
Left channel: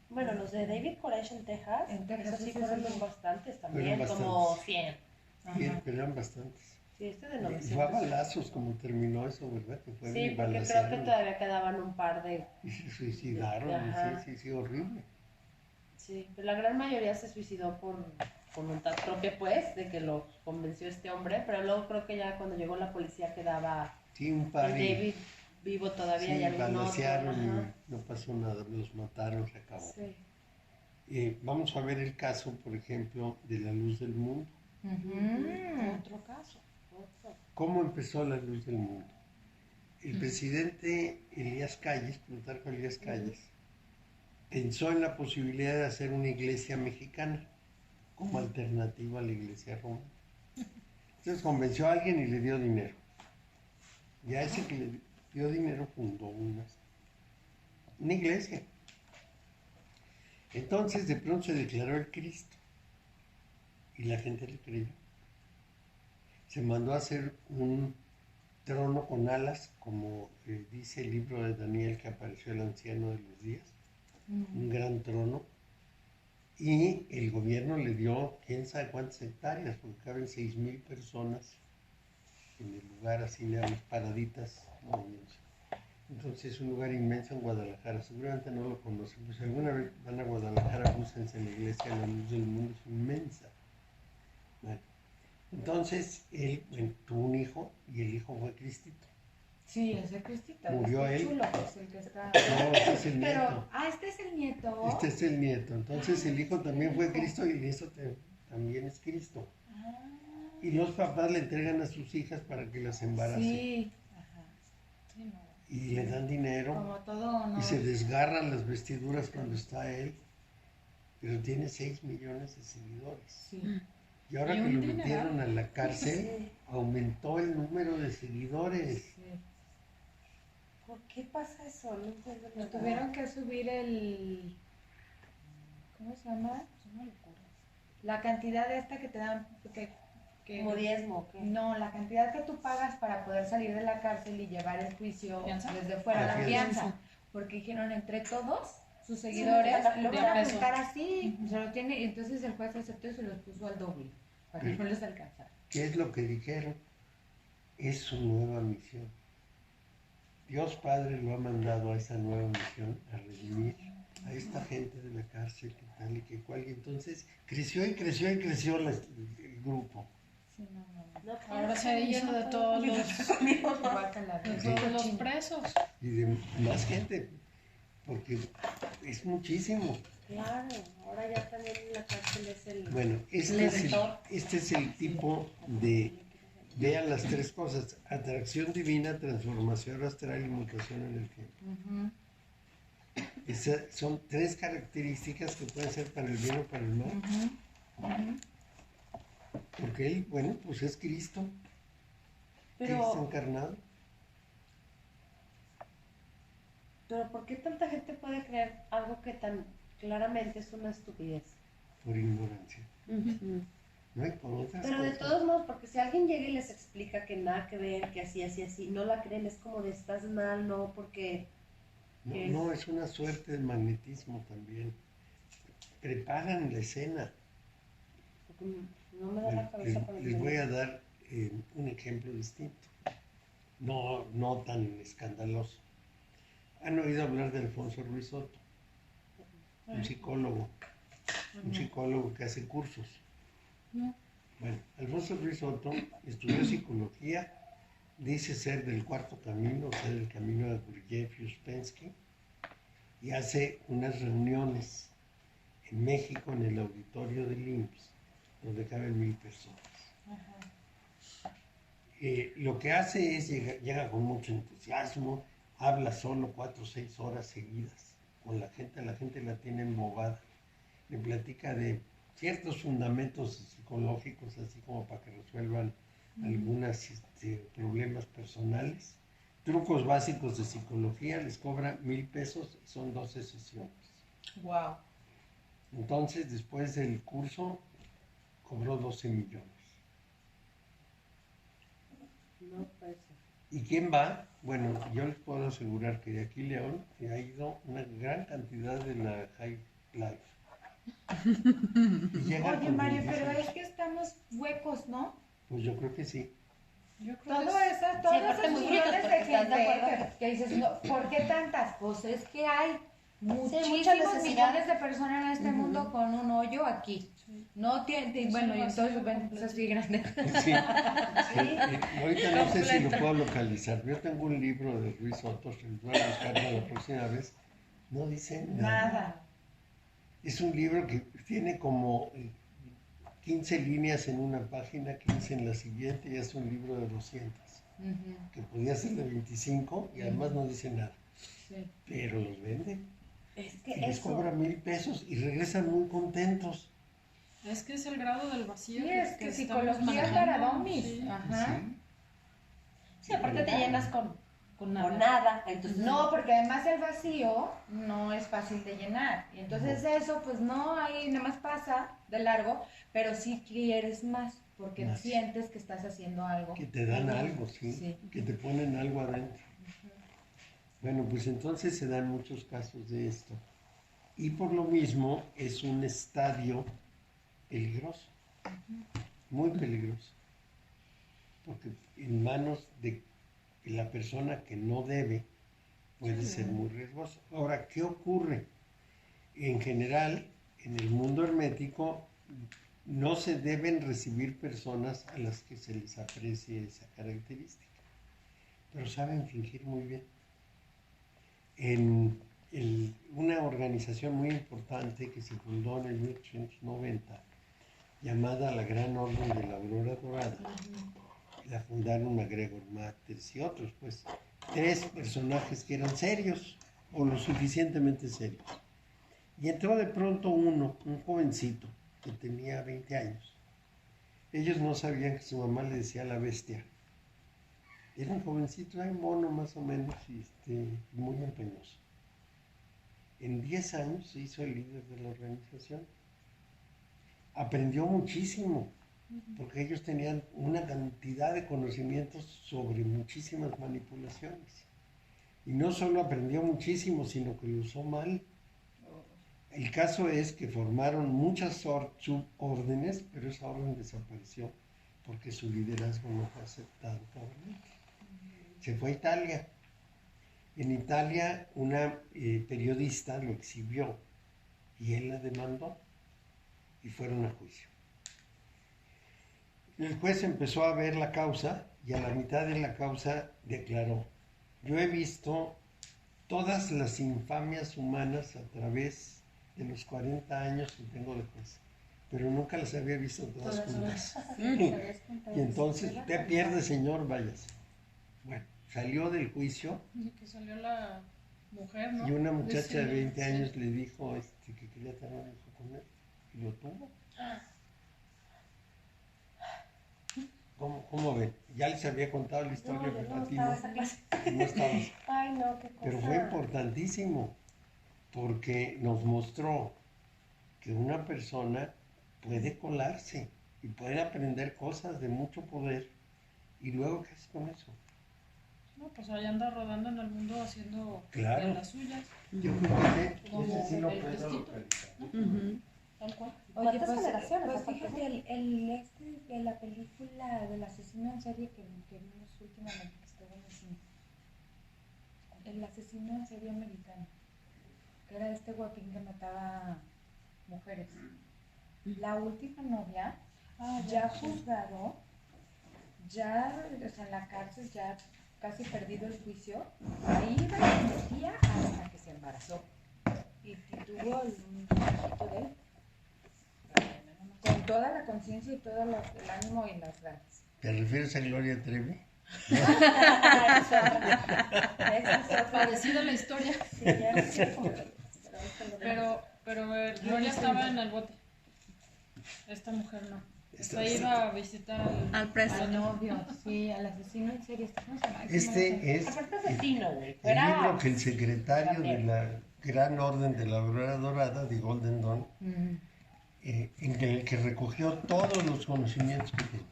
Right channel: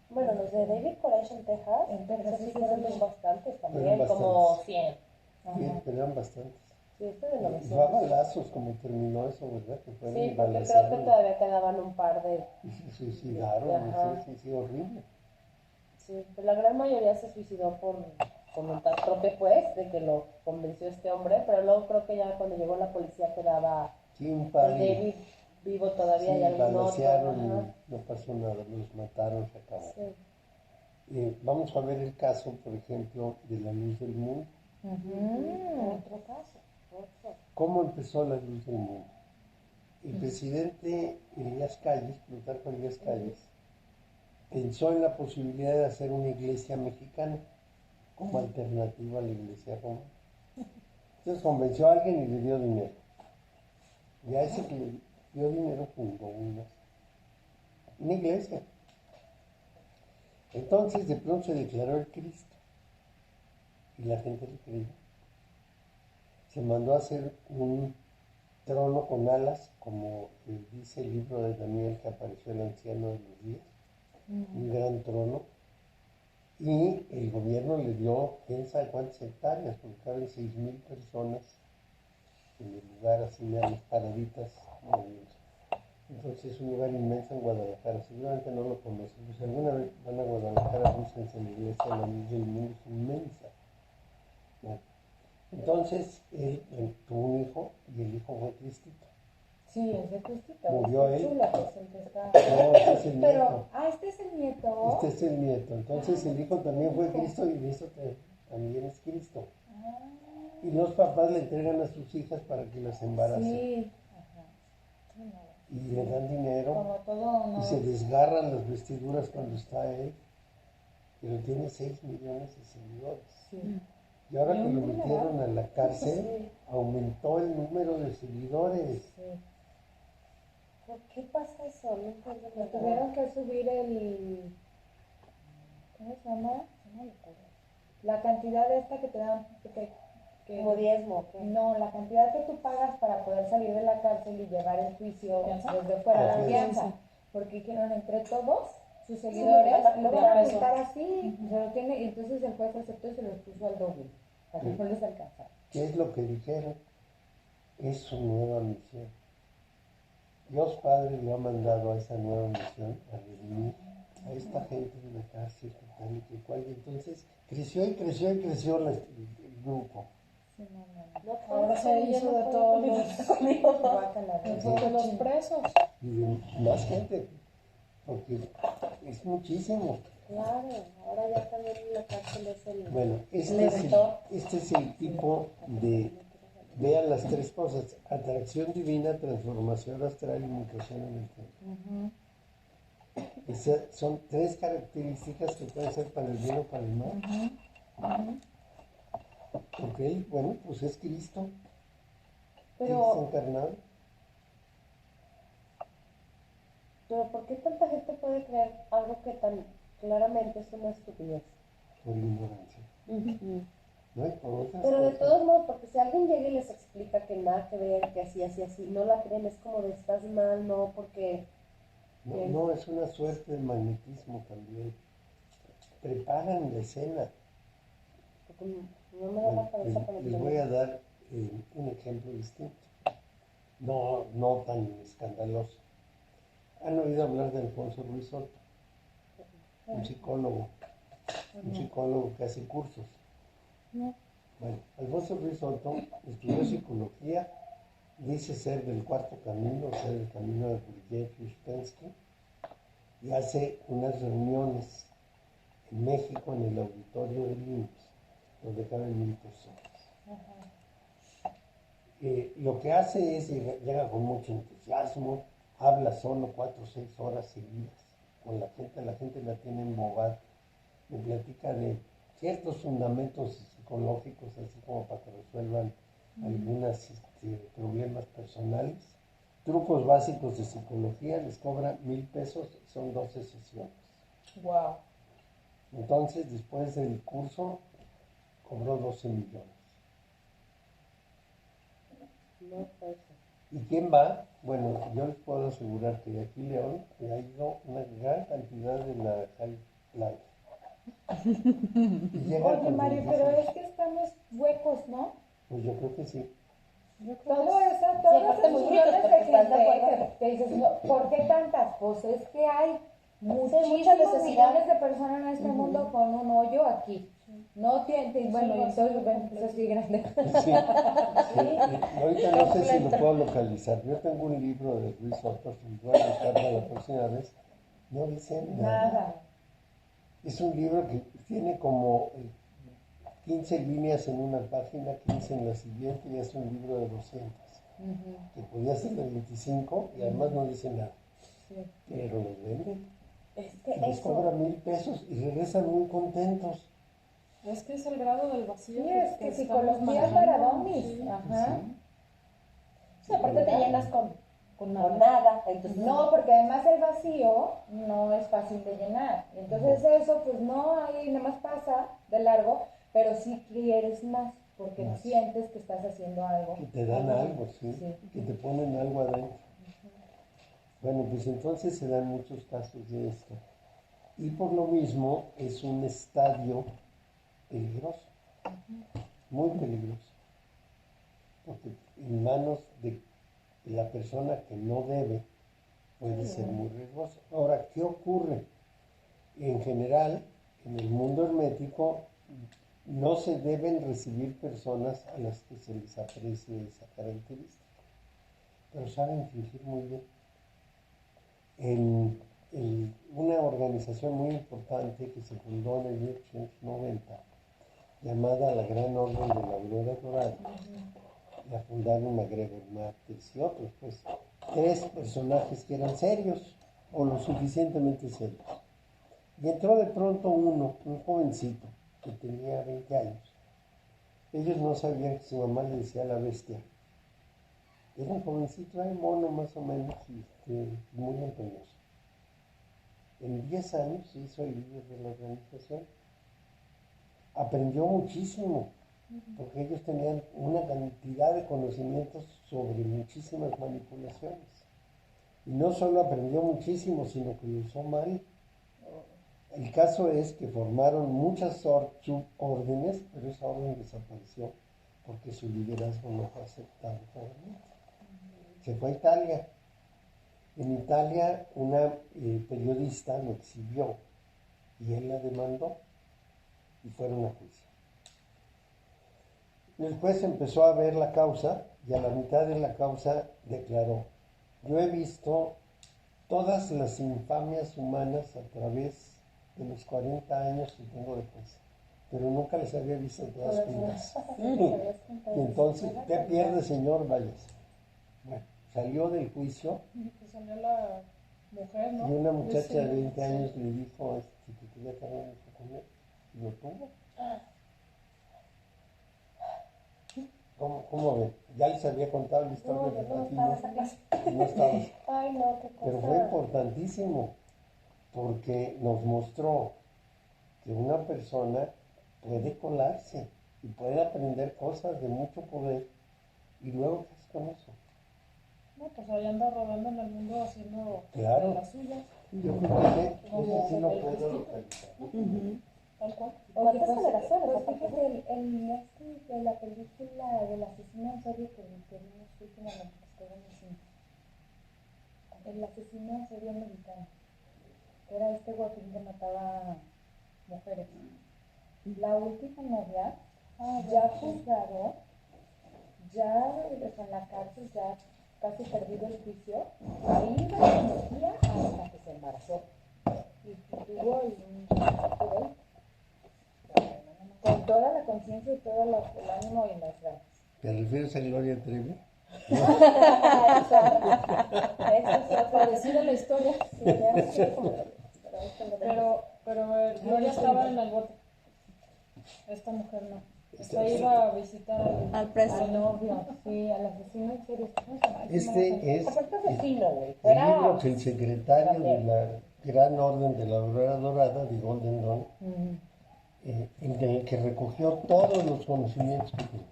Bueno, los de David Koresh en Texas, En Texas, esos sí sí, fueron sí, sí. bastantes también, Fueron como bastantes. 100. Sí, Ajá. pero eran bastantes. Sí, este de Y fue a 900. balazos como terminó eso, ¿verdad? Que fueron y Sí, porque creo que balacearon todavía quedaban un par de. y se suicidaron. Ajá. Sí, horrible. Sí, pero la gran mayoría se suicidó por voluntad propia, pues, de que lo convenció este hombre, pero luego creo que ya cuando llegó la policía quedaba Sí, un el par y David vivo todavía y sí, algún otro. balacearon Ajá. y no pasó nada, los mataron, se acabó. Sí. Vamos a ver el caso, por ejemplo, de la luz del mundo. Otro caso. Otro. ¿Cómo empezó la luz del mundo? El presidente Elías Calles, Plutarco Elías Calles, pensó en la posibilidad de hacer una iglesia mexicana como alternativa a la iglesia romana. Entonces convenció a alguien y le dio dinero. Y a ese que le dio dinero fundó una iglesia. Entonces de pronto se declaró el Cristo y la gente le creyó. Se mandó a hacer un trono con alas, como dice el libro de Daniel que apareció el anciano de los días, un gran trono, y el gobierno le dio quién sabe cuántas hectáreas, porque caben 6,000 personas en el lugar, así nada más paraditas. Entonces es un lugar inmenso en Guadalajara, seguramente no lo conocen, pues si alguna vez van a Guadalajara, búsquense la iglesia, la luz del mundo es inmensa. Bueno, entonces él tuvo un hijo y el hijo fue Cristito. Sí, ese Cristita. Murió este él. chulo, pues el que está... No, este es el Pero, nieto. este es el nieto. Este es el nieto. Entonces el hijo también fue Cristo y el nieto también es Cristo. Ah, Y los papás le entregan a sus hijas para que las embaracen. sí. Ajá. Sí, no. Y le dan dinero Como todo, ¿no? y se desgarran las vestiduras cuando está él. Pero tiene 6 millones de seguidores. Sí. Y ahora Y que un lo dineral. metieron a la cárcel, Sí. aumentó el número de seguidores. Sí. ¿Por qué pasa eso? No entiendo Lo nada. tuvieron que subir el... ¿Cómo se llama? Es una locura. La cantidad esta que te dan... que Como diezmo, ¿qué? No, la cantidad que tú pagas para poder salir de la cárcel y llevar el juicio ¿Fianza? desde fuera, La la fianza. fianza. Porque dijeron entre todos sus seguidores, Sí, lo de van a peso. apuntar así, se lo tiene, y entonces el juez aceptó y se los puso al doble, para que Sí. no les alcanzara. ¿Qué es lo que dijeron? Es su nueva misión. Dios Padre lo ha mandado a esa nueva misión, a redimir a esta gente de la cárcel, que tal y que cual. Y entonces creció y creció y creció el grupo. Sí, no. No, Ahora pues, se yo hizo no de puedo todos comer los, conmigo. Guácala, de sí. todos los presos. Y de más gente, porque es muchísimo. Claro, ahora ya también en la cárcel es el... Bueno, mentor. este es el tipo de, vean las tres cosas: atracción divina, transformación astral y mutación en el tiempo. Ujú. Esas son tres características que pueden ser para el bien o para el mal, porque él, bueno, pues es Cristo, Cristo Pero, encarnado. ¿por qué tanta gente puede creer algo que tan claramente es una estupidez? Por ignorancia. No hay por otras Pero de cosas. todos modos, porque si alguien llega y les explica que nada que ver, que así, no la creen, es como de estás mal, no, porque... No, es una suerte de magnetismo también. Preparan la escena. No me da la Bueno, cabeza con les voy a dar un ejemplo distinto. No tan escandaloso. ¿Han oído hablar de Alfonso Ruiz Soto? Un psicólogo que hace cursos. No. Bueno, Alfonso Ruiz Soto estudió psicología, dice ser del cuarto camino, o sea, del camino de Gurdjieff y Uspensky, y hace unas reuniones en México en el auditorio del IMSS, donde caben 1000 personas. Lo que hace es, llega con mucho entusiasmo, habla solo 4 o 6 horas seguidas con la gente la tiene embobada, le platica de ciertos fundamentos psicológicos, así como para que resuelvan algunos problemas personales, trucos básicos de psicología, les cobra 1000 pesos y son 12 sesiones. Wow. Entonces, después del curso, cobró 12 millones. No puede ser. ¿Y quién va? Bueno, yo les puedo asegurar que de aquí León ha ido una gran cantidad de la High Life. Y llegan Oye, con Mario, pero bellísimos. es que estamos huecos, ¿no? Pues yo creo que sí. Yo creo Todas que esas aparte muy millones brutos, de porque estás de gente acuerdo. que dices, no, ¿por qué tantas? Pues es que hay mucha muchísimos necesidad. millones de personas en este mundo con un hoyo aquí. No tiene, Es bueno, un y entonces vacío ven, pues así grande. Sí. Ahorita no sé si lo puedo localizar. Yo tengo un libro de Ruiz Soto, si lo voy a buscar para la próxima vez. No dice nada. Nada. Es un libro que tiene como 15 líneas en una página, 15 en la siguiente, y es un libro de 200, que podía ser de 25 y además no dice nada. Sí. Pero los vende. Es que Y les eso... cobra 1000 pesos y regresan muy contentos. es que es el grado del vacío. Sí, es que estamos psicología manejando, para domis. sí. Ajá. Sí, aparte te llenas con nada. Entonces, No, porque además el vacío no es fácil de llenar. Y entonces eso, pues no, ahí nada más pasa de largo, pero sí quieres más, porque Más. sientes que estás haciendo algo. Que te dan algo, ¿sí? Sí. Que te ponen algo adentro. Bueno, pues entonces se dan muchos casos de esto. Y por lo mismo es un estadio peligroso, muy peligroso. Porque en manos de la persona que no debe puede ser muy riesgoso. Ahora, ¿qué ocurre? En general, en el mundo hermético, no se deben recibir personas a las que se les aprecie esa característica, pero saben fingir muy bien. En una organización muy importante que se fundó en el 1890, llamada la Gran Orden de la Aurora Dorada, la fundaron MacGregor Matters y otros, pues 3 personajes que eran serios o lo suficientemente serios. Y entró de pronto un jovencito que tenía 20 años. Ellos no sabían que su mamá le decía la bestia. Era un jovencito, un mono más o menos, y muy empeñoso. En 10 años se hizo el líder de la organización. Aprendió muchísimo, porque ellos tenían una cantidad de conocimientos sobre muchísimas manipulaciones. Y no solo aprendió muchísimo, sino que lo usó mal. El caso es que formaron muchas subórdenes, pero esa orden desapareció porque su liderazgo no fue aceptado por él. Se fue a Italia. En Italia una periodista lo exhibió y él la demandó y fueron a juicio. El juez empezó a ver la causa y a la mitad de la causa declaró: yo he visto todas las infamias humanas a través de los 40 años que tengo de juez, pero nunca las había visto todas juntas. Y entonces, usted pierde, señor, váyase. Bueno, salió del juicio Y que salió la mujer, ¿no? y una muchacha de 20 Sí. años le dijo que quería tener un hijo con él y lo tuvo. ¿Cómo ven? Ya les había contado la historia, No, yo pero no a ti estaba no. en esa clase. No estabas. Ay, no, qué cosa. Pero fue importantísimo porque nos mostró que una persona puede colarse y puede aprender cosas de mucho poder. ¿Y luego qué es con eso? No, pues ahí anda rodando en el mundo haciendo Claro. de las suyas. Yo creo que Como ese sí lo el puedo testito. localizar. Tal cual. Oye, ¿Cuántas pues, generaciones? pues aparte? fíjate, de la película del asesino en serie que vimos últimamente, que está buenísimo. El asesino en serie americano, que era este guapín que mataba mujeres. La última novia, ya juzgado, ya, o sea, en la cárcel, ya casi perdido el juicio, ahí iba y se metía hasta que se embarazó. Y tuvo un hijito de él. Con toda la conciencia y todo el ánimo y las ganas. ¿Te refieres a Gloria Trevi? Parecida la historia, Sí, ya no quiero comer, pero ahorita lo vemos. pero Gloria estaba en el bote. Esta mujer no. Esta iba a visitar Al preso. Al novio, sí, al asesino en serie. ¿Cómo se llama? Este es Aparte asesino, güey. el Fuera... libro que el secretario de la Gran Orden de la Aurora Dorada, de Golden Dawn, en el que recogió todos los conocimientos que tiene.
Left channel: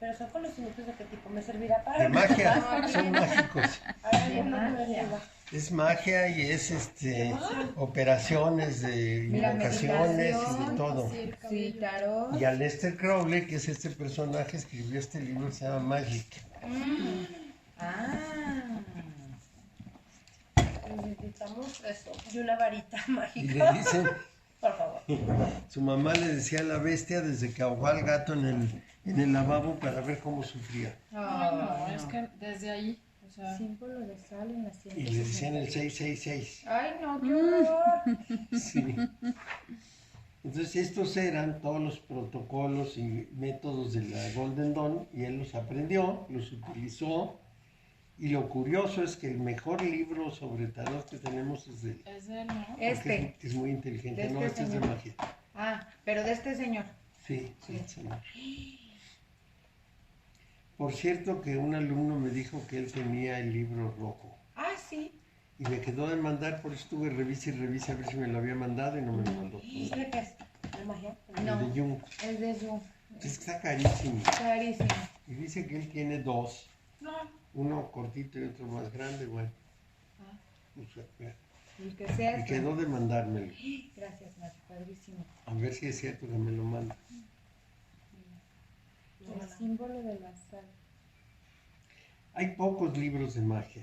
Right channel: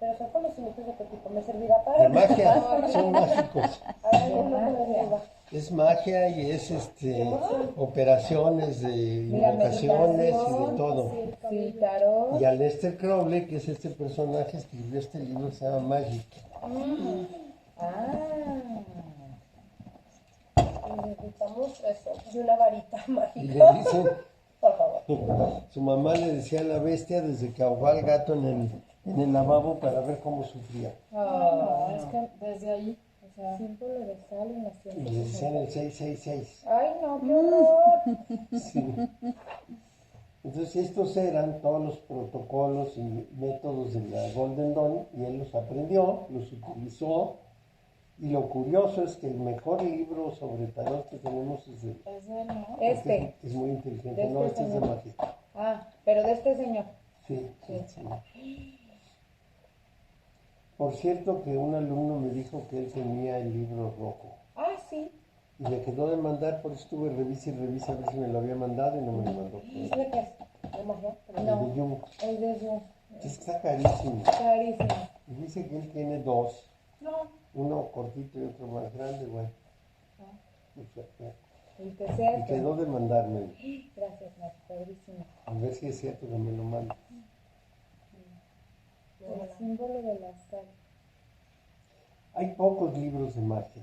Pero son conocimientos de qué tipo. ¿Me servirá para...? De magia, son mágicos. A ver, De uno que me magia. sirva. Es magia y es operaciones de Mira, invocaciones y de meditación, todo. Sí, el Sí, cabello. tarot. Y Aleister Crowley, que es este personaje, escribió este libro que se llama Magic. Ah. Necesitamos eso. Y una varita Y mágica. le dicen, Por favor. su mamá le decía a la bestia desde que ahogó al gato en el lavabo para ver cómo sufría. Ay, no, es que desde ahí, o sea, Símbolo de sal en la Y le decían el 666. Ay, no, qué horror. Sí. Entonces estos eran todos los protocolos y métodos de la Golden Dawn y él los aprendió, los utilizó. Y lo curioso es que el mejor libro sobre tarot que tenemos es de él. es de él, ¿no? Porque Este. es muy inteligente. De No, este este es de señor. magia. Ah, pero de este señor. Sí, Sí. sí. Por cierto que un alumno me dijo que él tenía el libro rojo. Ah, sí. Y me quedó de mandar, por eso estuve revise y revise a ver si me lo había mandado y no me lo mandó. ¿Y de qué es? ¿De magia? El No. de Jung. Es de Zoom. Es que está carísimo. Clarísimo. Y dice que él tiene dos. No, Uno cortito y otro más grande, bueno. O sea, El que sea. me es quedó de mandármelo. Gracias, Mar. Padrísimo. A ver si es cierto que me lo manda. El símbolo de la sal. Hay pocos libros de magia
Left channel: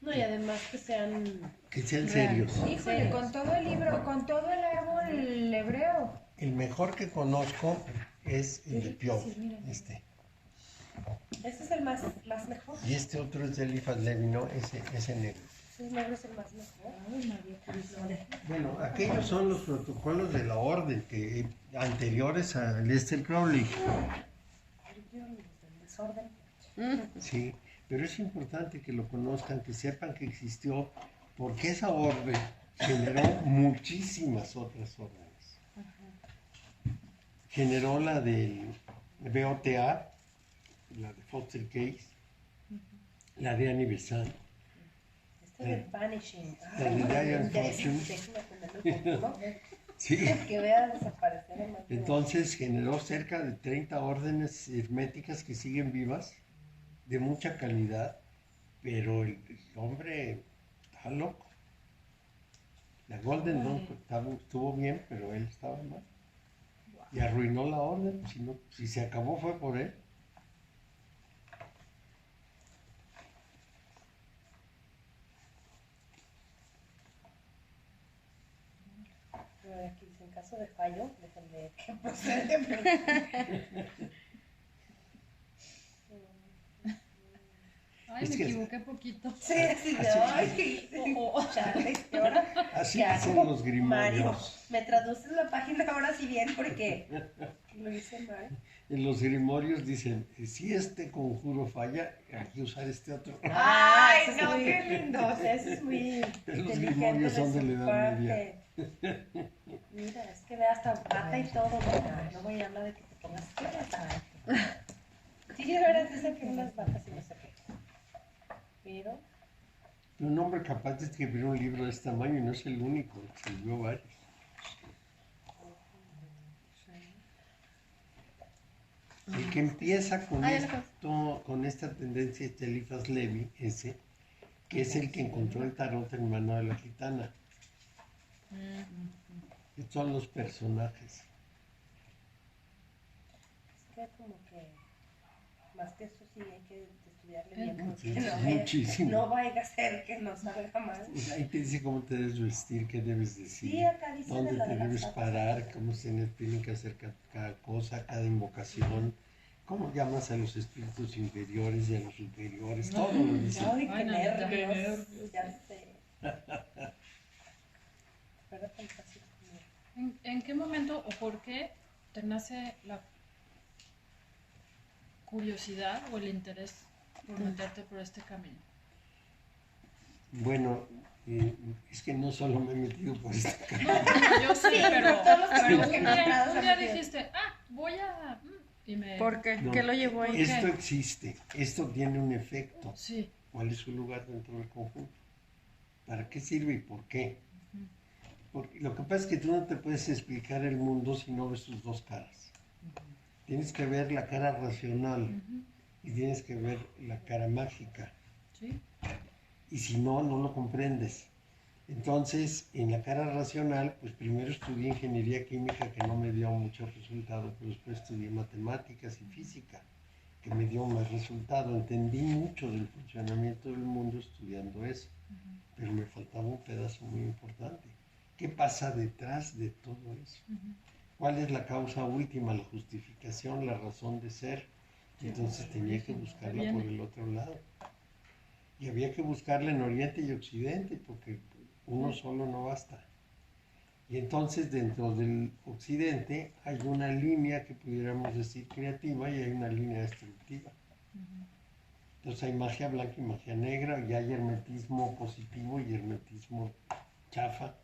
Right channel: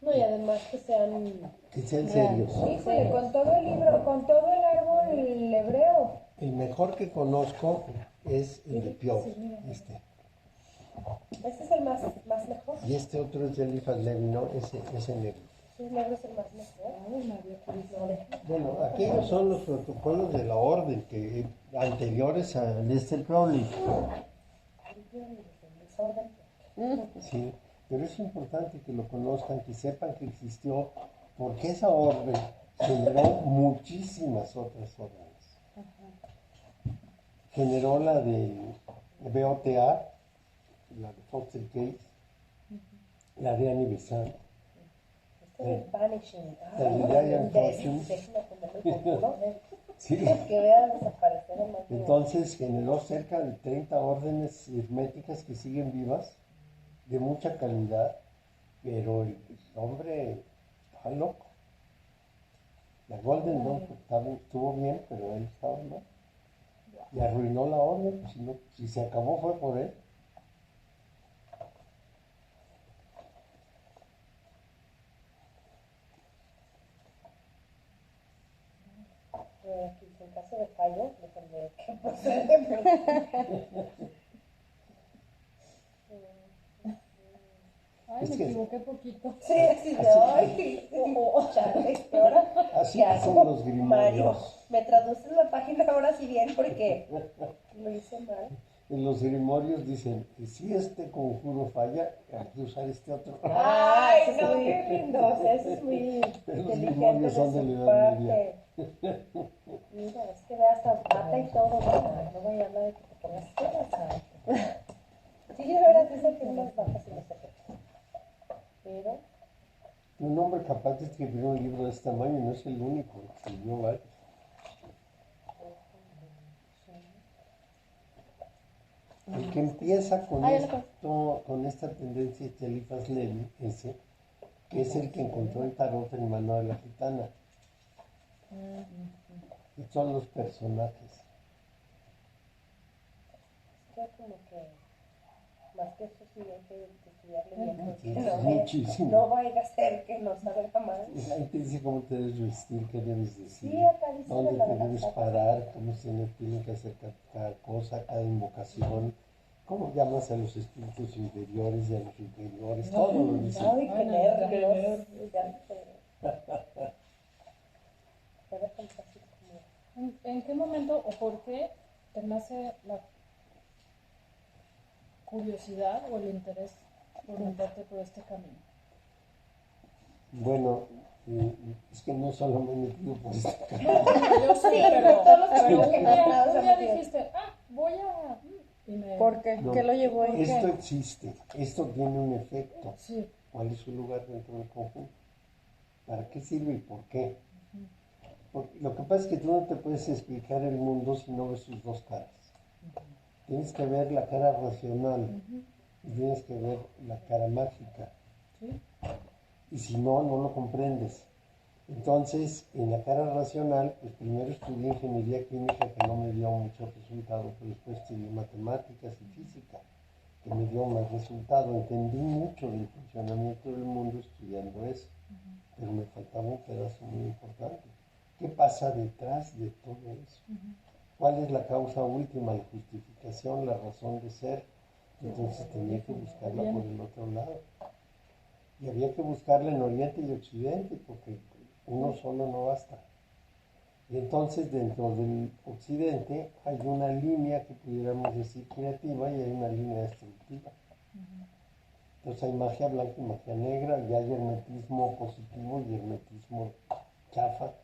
No, y además que sean... que sean serios. Híjole, con todo el libro, con todo el árbol hebreo. El mejor que conozco es el de Pio, Sí, mira, mira. este. Ese es el más mejor. Y este otro es de Eliphas Levi, ¿no? Ese negro. Sí, el negro es el más mejor. Ay, María Purísima. Bueno, aquellos son los protocolos de la orden que anteriores a Lester Crowley. El desorden. Sí, pero es importante que lo conozcan, que sepan que existió, porque esa orden generó muchísimas otras órdenes. Generó la del BOTA, la de Foster Case, la de Annie Besant, Este de Vanishing. La de Diane Fortune. Déjame aprenderme el futuro. sí. Que vea desaparecer en más de- Entonces generó cerca de 30 órdenes herméticas que siguen vivas, de mucha calidad, pero el hombre estaba loco. La Golden Dawn estuvo bien, pero él estaba mal. Y arruinó la orden. Si se acabó fue por él. A ver, aquí dice en caso de fallo, déjenme que procede. Ay, Es me que- equivoqué poquito. Sí, así de Así- ay, chale, ¿y ahora Así qué dicen hago? los Mario, grimorios. ¿me traduces la página ahora sí bien? Porque lo hice mal. En los grimorios dicen, si este conjuro falla, hay que usar este otro. Ay, eso es no, muy- qué lindo. Eso es muy Los inteligente grimorios son de su la Edad parte. Mira, es que ve hasta pata y todo. Mira, luego ya habla de que te pongas cosas. Sí, de veras dicen que unas vacas y no sé qué. Pero, Un hombre capaz de escribir un libro de este tamaño y no es el único, escribió varios. El que empieza con con esta tendencia es Eliphas Levi, ese, que es el que encontró el tarot en mano de la gitana. Y son los personajes. es que como que, más que eso sí hay que estudiarle Sí, bien. sí, Porque muchísimo. no vaya a ser que nos salga mal. Ahí te dice cómo te debes vestir, qué debes decir, Sí, acá dice de dónde la te de las debes patas. parar, cómo se tienen que hacer cada cosa, cada invocación, cómo llamas a los espíritus inferiores y a los superiores, todo lo dice. Ay, qué Ay, no, nervios. Ya sé. Fuera tan fácil como. ¿En qué momento o por qué te nace la curiosidad o el interés por meterte por este camino? Bueno, es que no solo me he metido por esta No, carrera, bueno, yo sí, pero, todos los pero caminos un que día, encontrados un día han metido. dijiste, voy a... Y me... ¿Por qué? No. ¿Qué lo llevó ahí? esto qué? existe, esto tiene un efecto. Sí. ¿Cuál es su lugar dentro del conjunto? ¿Para qué sirve y por qué? Porque lo que pasa es que tú no te puedes explicar el mundo si no ves sus dos caras. Tienes que ver la cara racional y tienes que ver la cara mágica. Sí. Y si no, no lo comprendes. Entonces, en la cara racional, pues primero estudié ingeniería química, que no me dio muchos resultados, pero después estudié matemáticas y física, que me dio más resultado. Entendí mucho del funcionamiento del mundo estudiando eso, pero me faltaba un pedazo muy importante. ¿Qué pasa detrás de todo eso? ¿Cuál es la causa última, la justificación, la razón de ser? Entonces tenía que buscarla por el otro lado. Y había que buscarla en Oriente y Occidente, porque uno solo no basta. Y entonces dentro del Occidente hay una línea que pudiéramos decir creativa y hay una línea destructiva. Entonces hay magia blanca y magia negra, y hay hermetismo positivo y hermetismo chafa.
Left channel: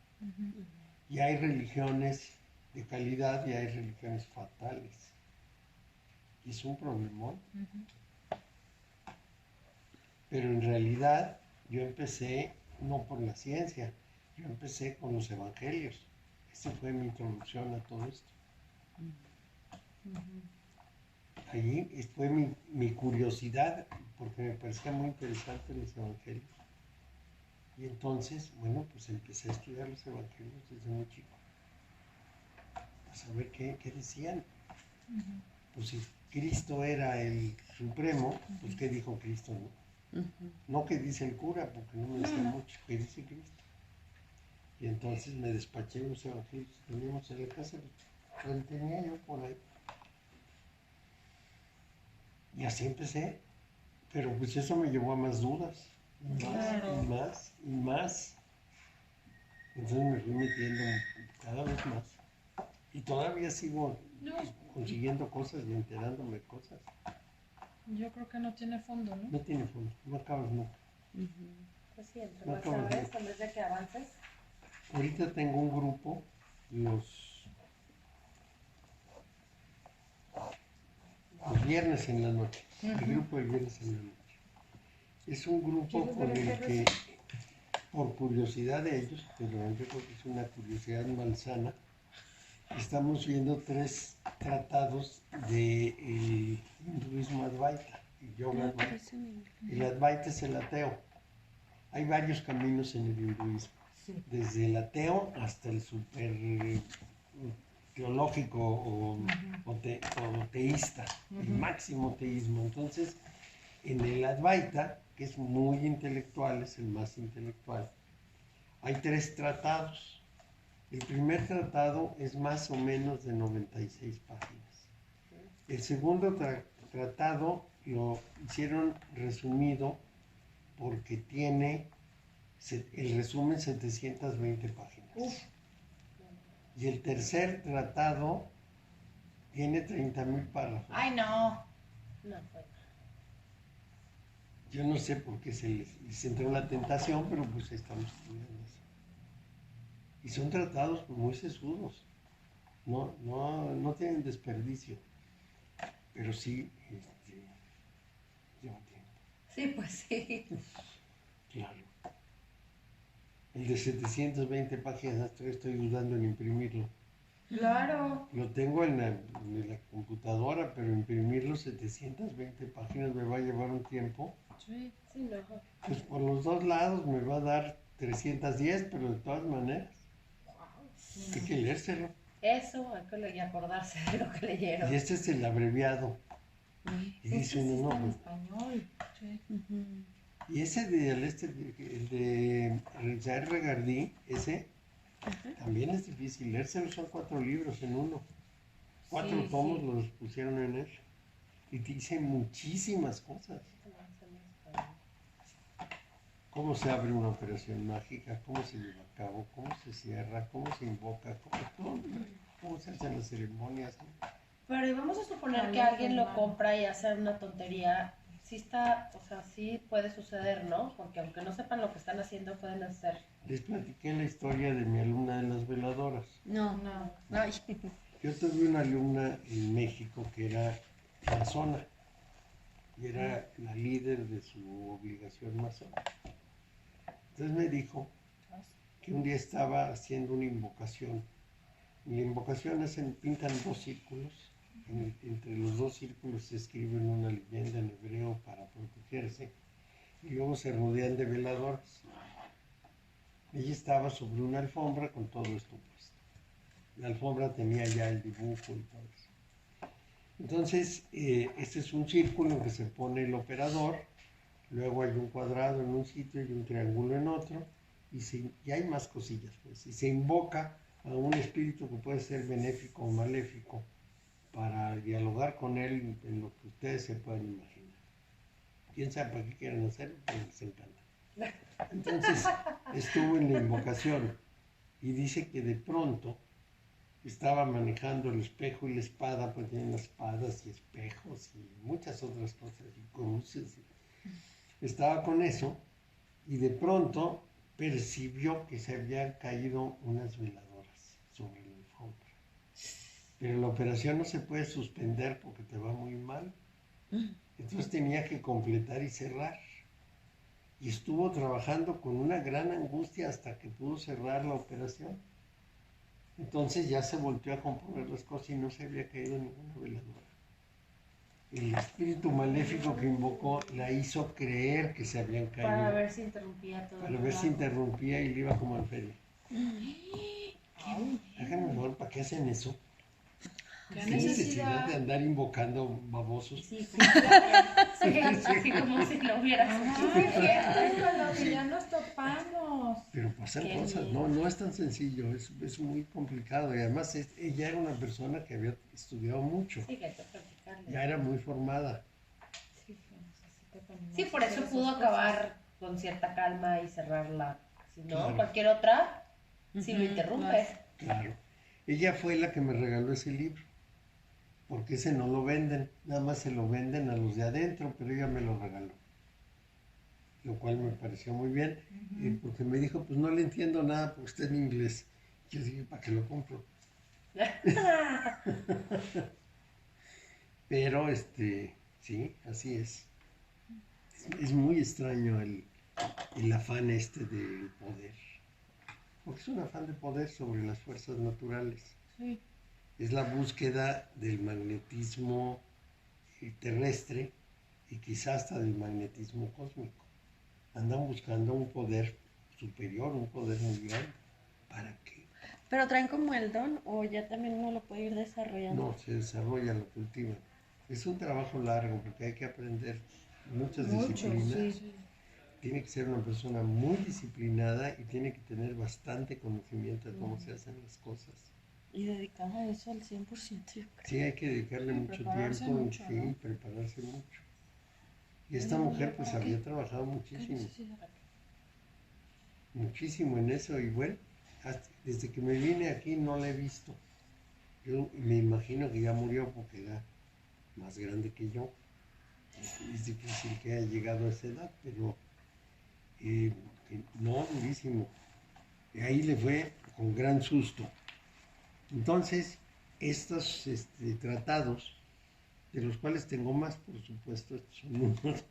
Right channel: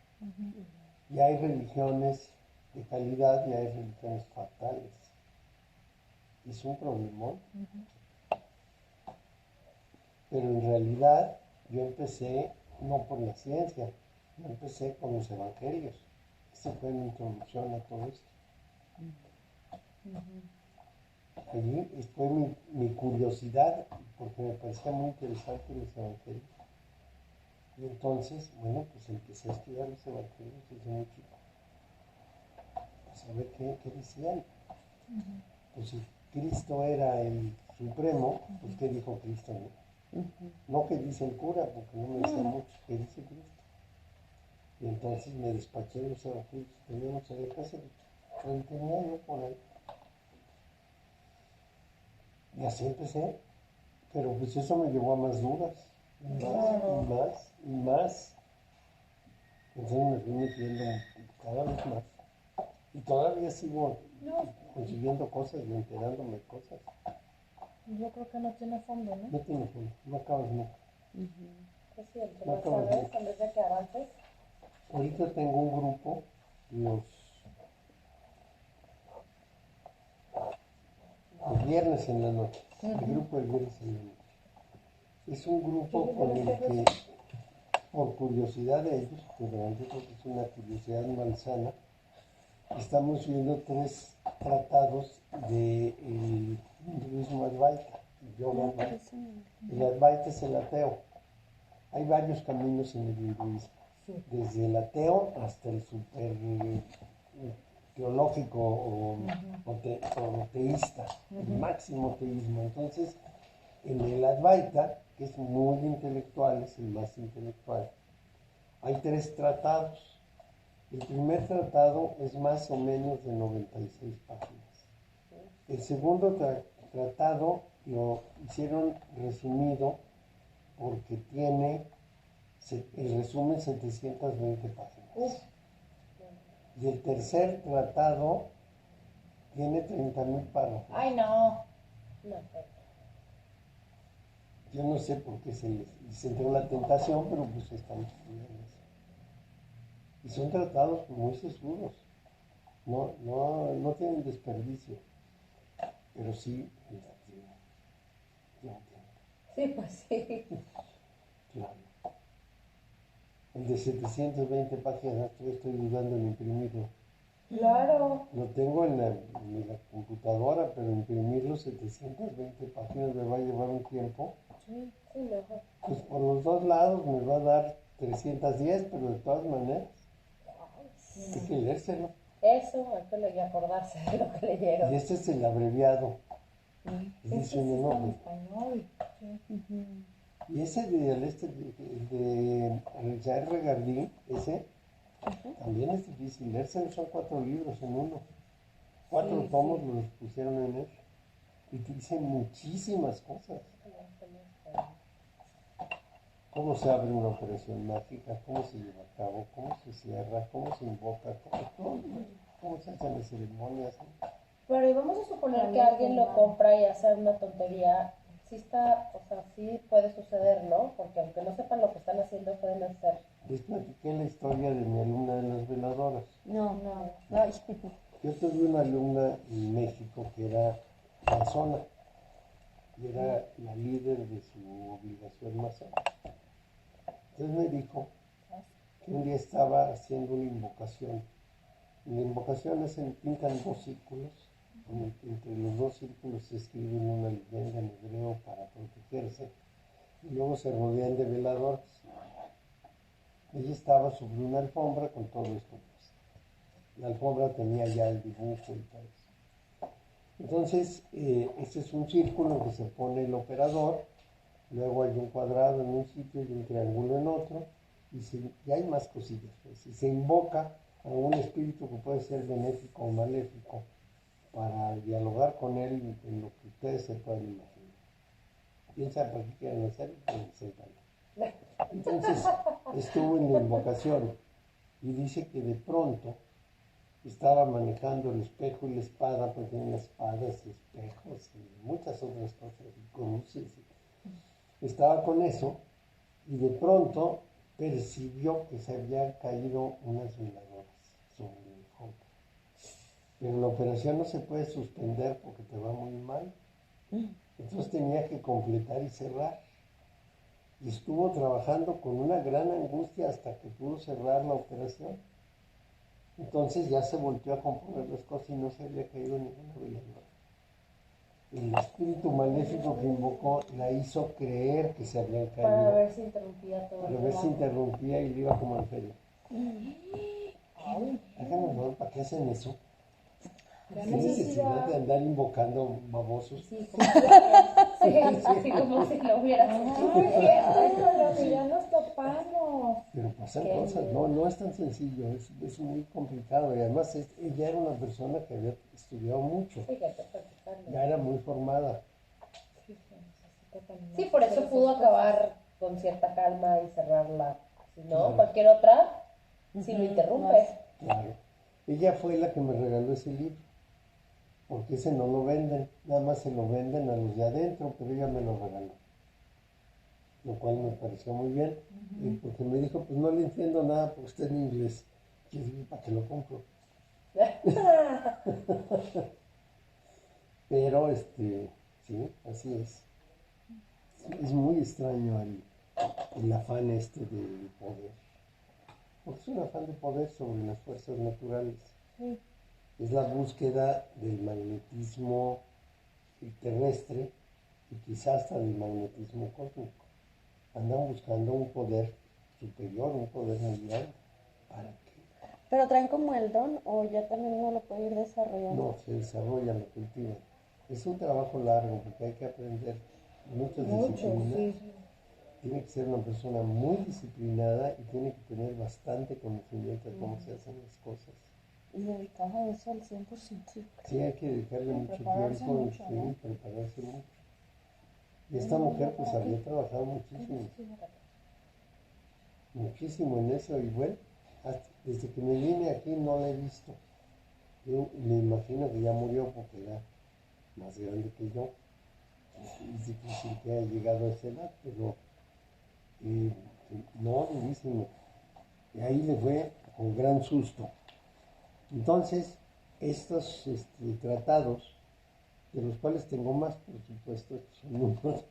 Y hay religiones de calidad y hay religiones fatales. Y es un problemón. Pero en realidad yo empecé no por la ciencia, yo empecé con los evangelios. Esa fue mi introducción a todo esto. Allí fue mi curiosidad, porque me parecía muy interesante los evangelios. Y entonces, bueno, pues empecé a estudiar los evangelios desde muy chico, a saber qué decían. Pues si Cristo era el supremo, pues ¿qué dijo Cristo? No que dice el cura, porque no me decía mucho, que dice Cristo. Y entonces me despaché los evangelios que teníamos en la casa, los tenía yo por ahí. Y así empecé, pero pues eso me llevó a más dudas, y más, Claro. y más, y más. Entonces me fui metiendo cada vez más. Y todavía sigo No, consiguiendo cosas y enterándome de cosas. yo creo que no tiene fondo, ¿no? No tiene fondo, no acabas nunca. Pues sí, entre No más acabo de sabes, ver. en vez de que avances. Ahorita tengo un grupo, los viernes en la noche. El grupo de viernes en la noche. Es un grupo con el que, por curiosidad de ellos, pero yo creo que es una curiosidad malsana, estamos viendo 3 tratados del hinduismo Advaita, el yoga Advaita. El Advaita es el ateo. Hay varios caminos en el hinduismo, desde el ateo hasta el super teológico o teísta, el máximo teísmo. Entonces, en el Advaita, que es muy intelectual, es el más intelectual, hay 3 tratados. El primer tratado es más o menos de 96 páginas. El segundo tratado lo hicieron resumido porque tiene el resumen 720 páginas. Y el tercer tratado tiene 30,000 párrafos. Ay, no. No, pues. Yo no sé por qué se les entró la tentación, pero pues estamos estudiando eso. Y son tratados muy sesudos. No tienen desperdicio. Pero sí, lleva tiempo. Sí, pues sí. Claro. El de 720 páginas, estoy dudando en imprimirlo. Claro. Lo tengo en la computadora, pero imprimirlo 720 páginas me va a llevar un tiempo. Sí. Sí, no. Pues por los dos lados me va a dar 310, pero de todas maneras hay que leérselo. Eso, hay que acordarse de lo que leyeron. Y este es el abreviado. Y dice Ese sí uno, está en no, español. y ese el de Richard Regardí, ese también es difícil leérselo, son 4 libros en uno. 4 Sí, tomos sí. los pusieron en él. Y te dicen muchísimas cosas. Cómo se abre una operación mágica, cómo se lleva a cabo, cómo se cierra, cómo se invoca, cómo se hacen las ceremonias. Pero y vamos a suponer que alguien lo compra y hace una tontería. Sí está, o sea, sí puede suceder, ¿no? Porque aunque no sepan lo que están haciendo, pueden hacer. Les platiqué la historia de mi alumna de las veladoras. No. Ay. Yo tuve una alumna en México que era masona y era la líder de su obligación masona. Entonces me dijo que un día estaba haciendo una invocación. Y la invocación es pintan 2 círculos. Entre los 2 círculos se escriben una leyenda en hebreo para protegerse. Y luego se rodean de veladoras. Ella estaba sobre una alfombra con todo esto puesto. La alfombra tenía ya el dibujo y todo eso. Entonces, este es un círculo en que se pone el operador, luego hay un cuadrado en un sitio y un triángulo en otro, y hay más cosillas, pues, y se invoca a un espíritu que puede ser benéfico o maléfico para dialogar con él en lo que ustedes se puedan imaginar. ¿Quién sabe para qué quieren hacer? Les encanta. Entonces, estuvo en la invocación y dice que de pronto estaba manejando el espejo y la espada, pues tienen espadas y espejos y muchas otras cosas, y cruces. Estaba con eso y de pronto percibió que se habían caído unas veladoras sobre la alfombra. Pero la operación no se puede suspender porque te va muy mal. Entonces tenía que completar y cerrar. Y estuvo trabajando con una gran angustia hasta que pudo cerrar la operación. Entonces ya se volvió a componer las cosas y no se había caído ninguna veladora. El espíritu maléfico que invocó la hizo creer que se habían caído. Para ver si interrumpía todo. Para ver si interrumpía y le iba como en feria. Háganme favor, ¿para qué hacen eso? ¿Qué ¿Qué necesidad de andar invocando babosos? Sí, así como si lo hubieras Ay, con lo que ya nos topamos. Pero pasan Qué cosas, miedo. no es tan sencillo, es muy complicado. Y además ella era una persona que había estudiado mucho, Sí, que hay que practicarlo. ya era muy formada. Sí, se necesita también Sí, por eso hacer pudo esas cosas. acabar con cierta calma y cerrarla. Si no, Claro. cualquier otra, si lo interrumpes. Claro. Ella fue la que me regaló ese libro, porque ese no lo venden, nada más se lo venden a los de adentro, pero ella me lo regaló. Lo cual me pareció muy bien, porque me dijo, pues no le entiendo nada porque está en inglés. Yo dije, ¿para qué lo compro? Pero, sí, así es. Es muy extraño el afán del poder. Porque es un afán de poder sobre las fuerzas naturales. Sí. Es la búsqueda del magnetismo terrestre y quizás hasta del magnetismo cósmico. Andan buscando un poder superior, un poder muy grande. ¿Para qué? ¿Pero traen como el don o ya también uno lo puede ir desarrollando? No, se desarrolla, lo cultivan. Es un trabajo largo porque hay que aprender muchas Mucho, disciplinas. sí. tiene que ser una persona muy disciplinada y tiene que tener bastante conocimiento de cómo se hacen las cosas. Y dedicada a eso al 100%, yo creo. Sí, hay que dedicarle Sí, mucho prepararse tiempo mucho, y sí, ¿no? prepararse mucho. Y esta mujer pues había trabajado muchísimo, muchísimo en eso y bueno, desde que me vine aquí no la he visto. Yo me imagino que ya murió porque era más grande que yo. Es difícil que haya llegado a esa edad, pero no, durísimo. Y ahí le fue con gran susto. Entonces, estos tratados, de los cuales tengo más, por supuesto, estos son unos,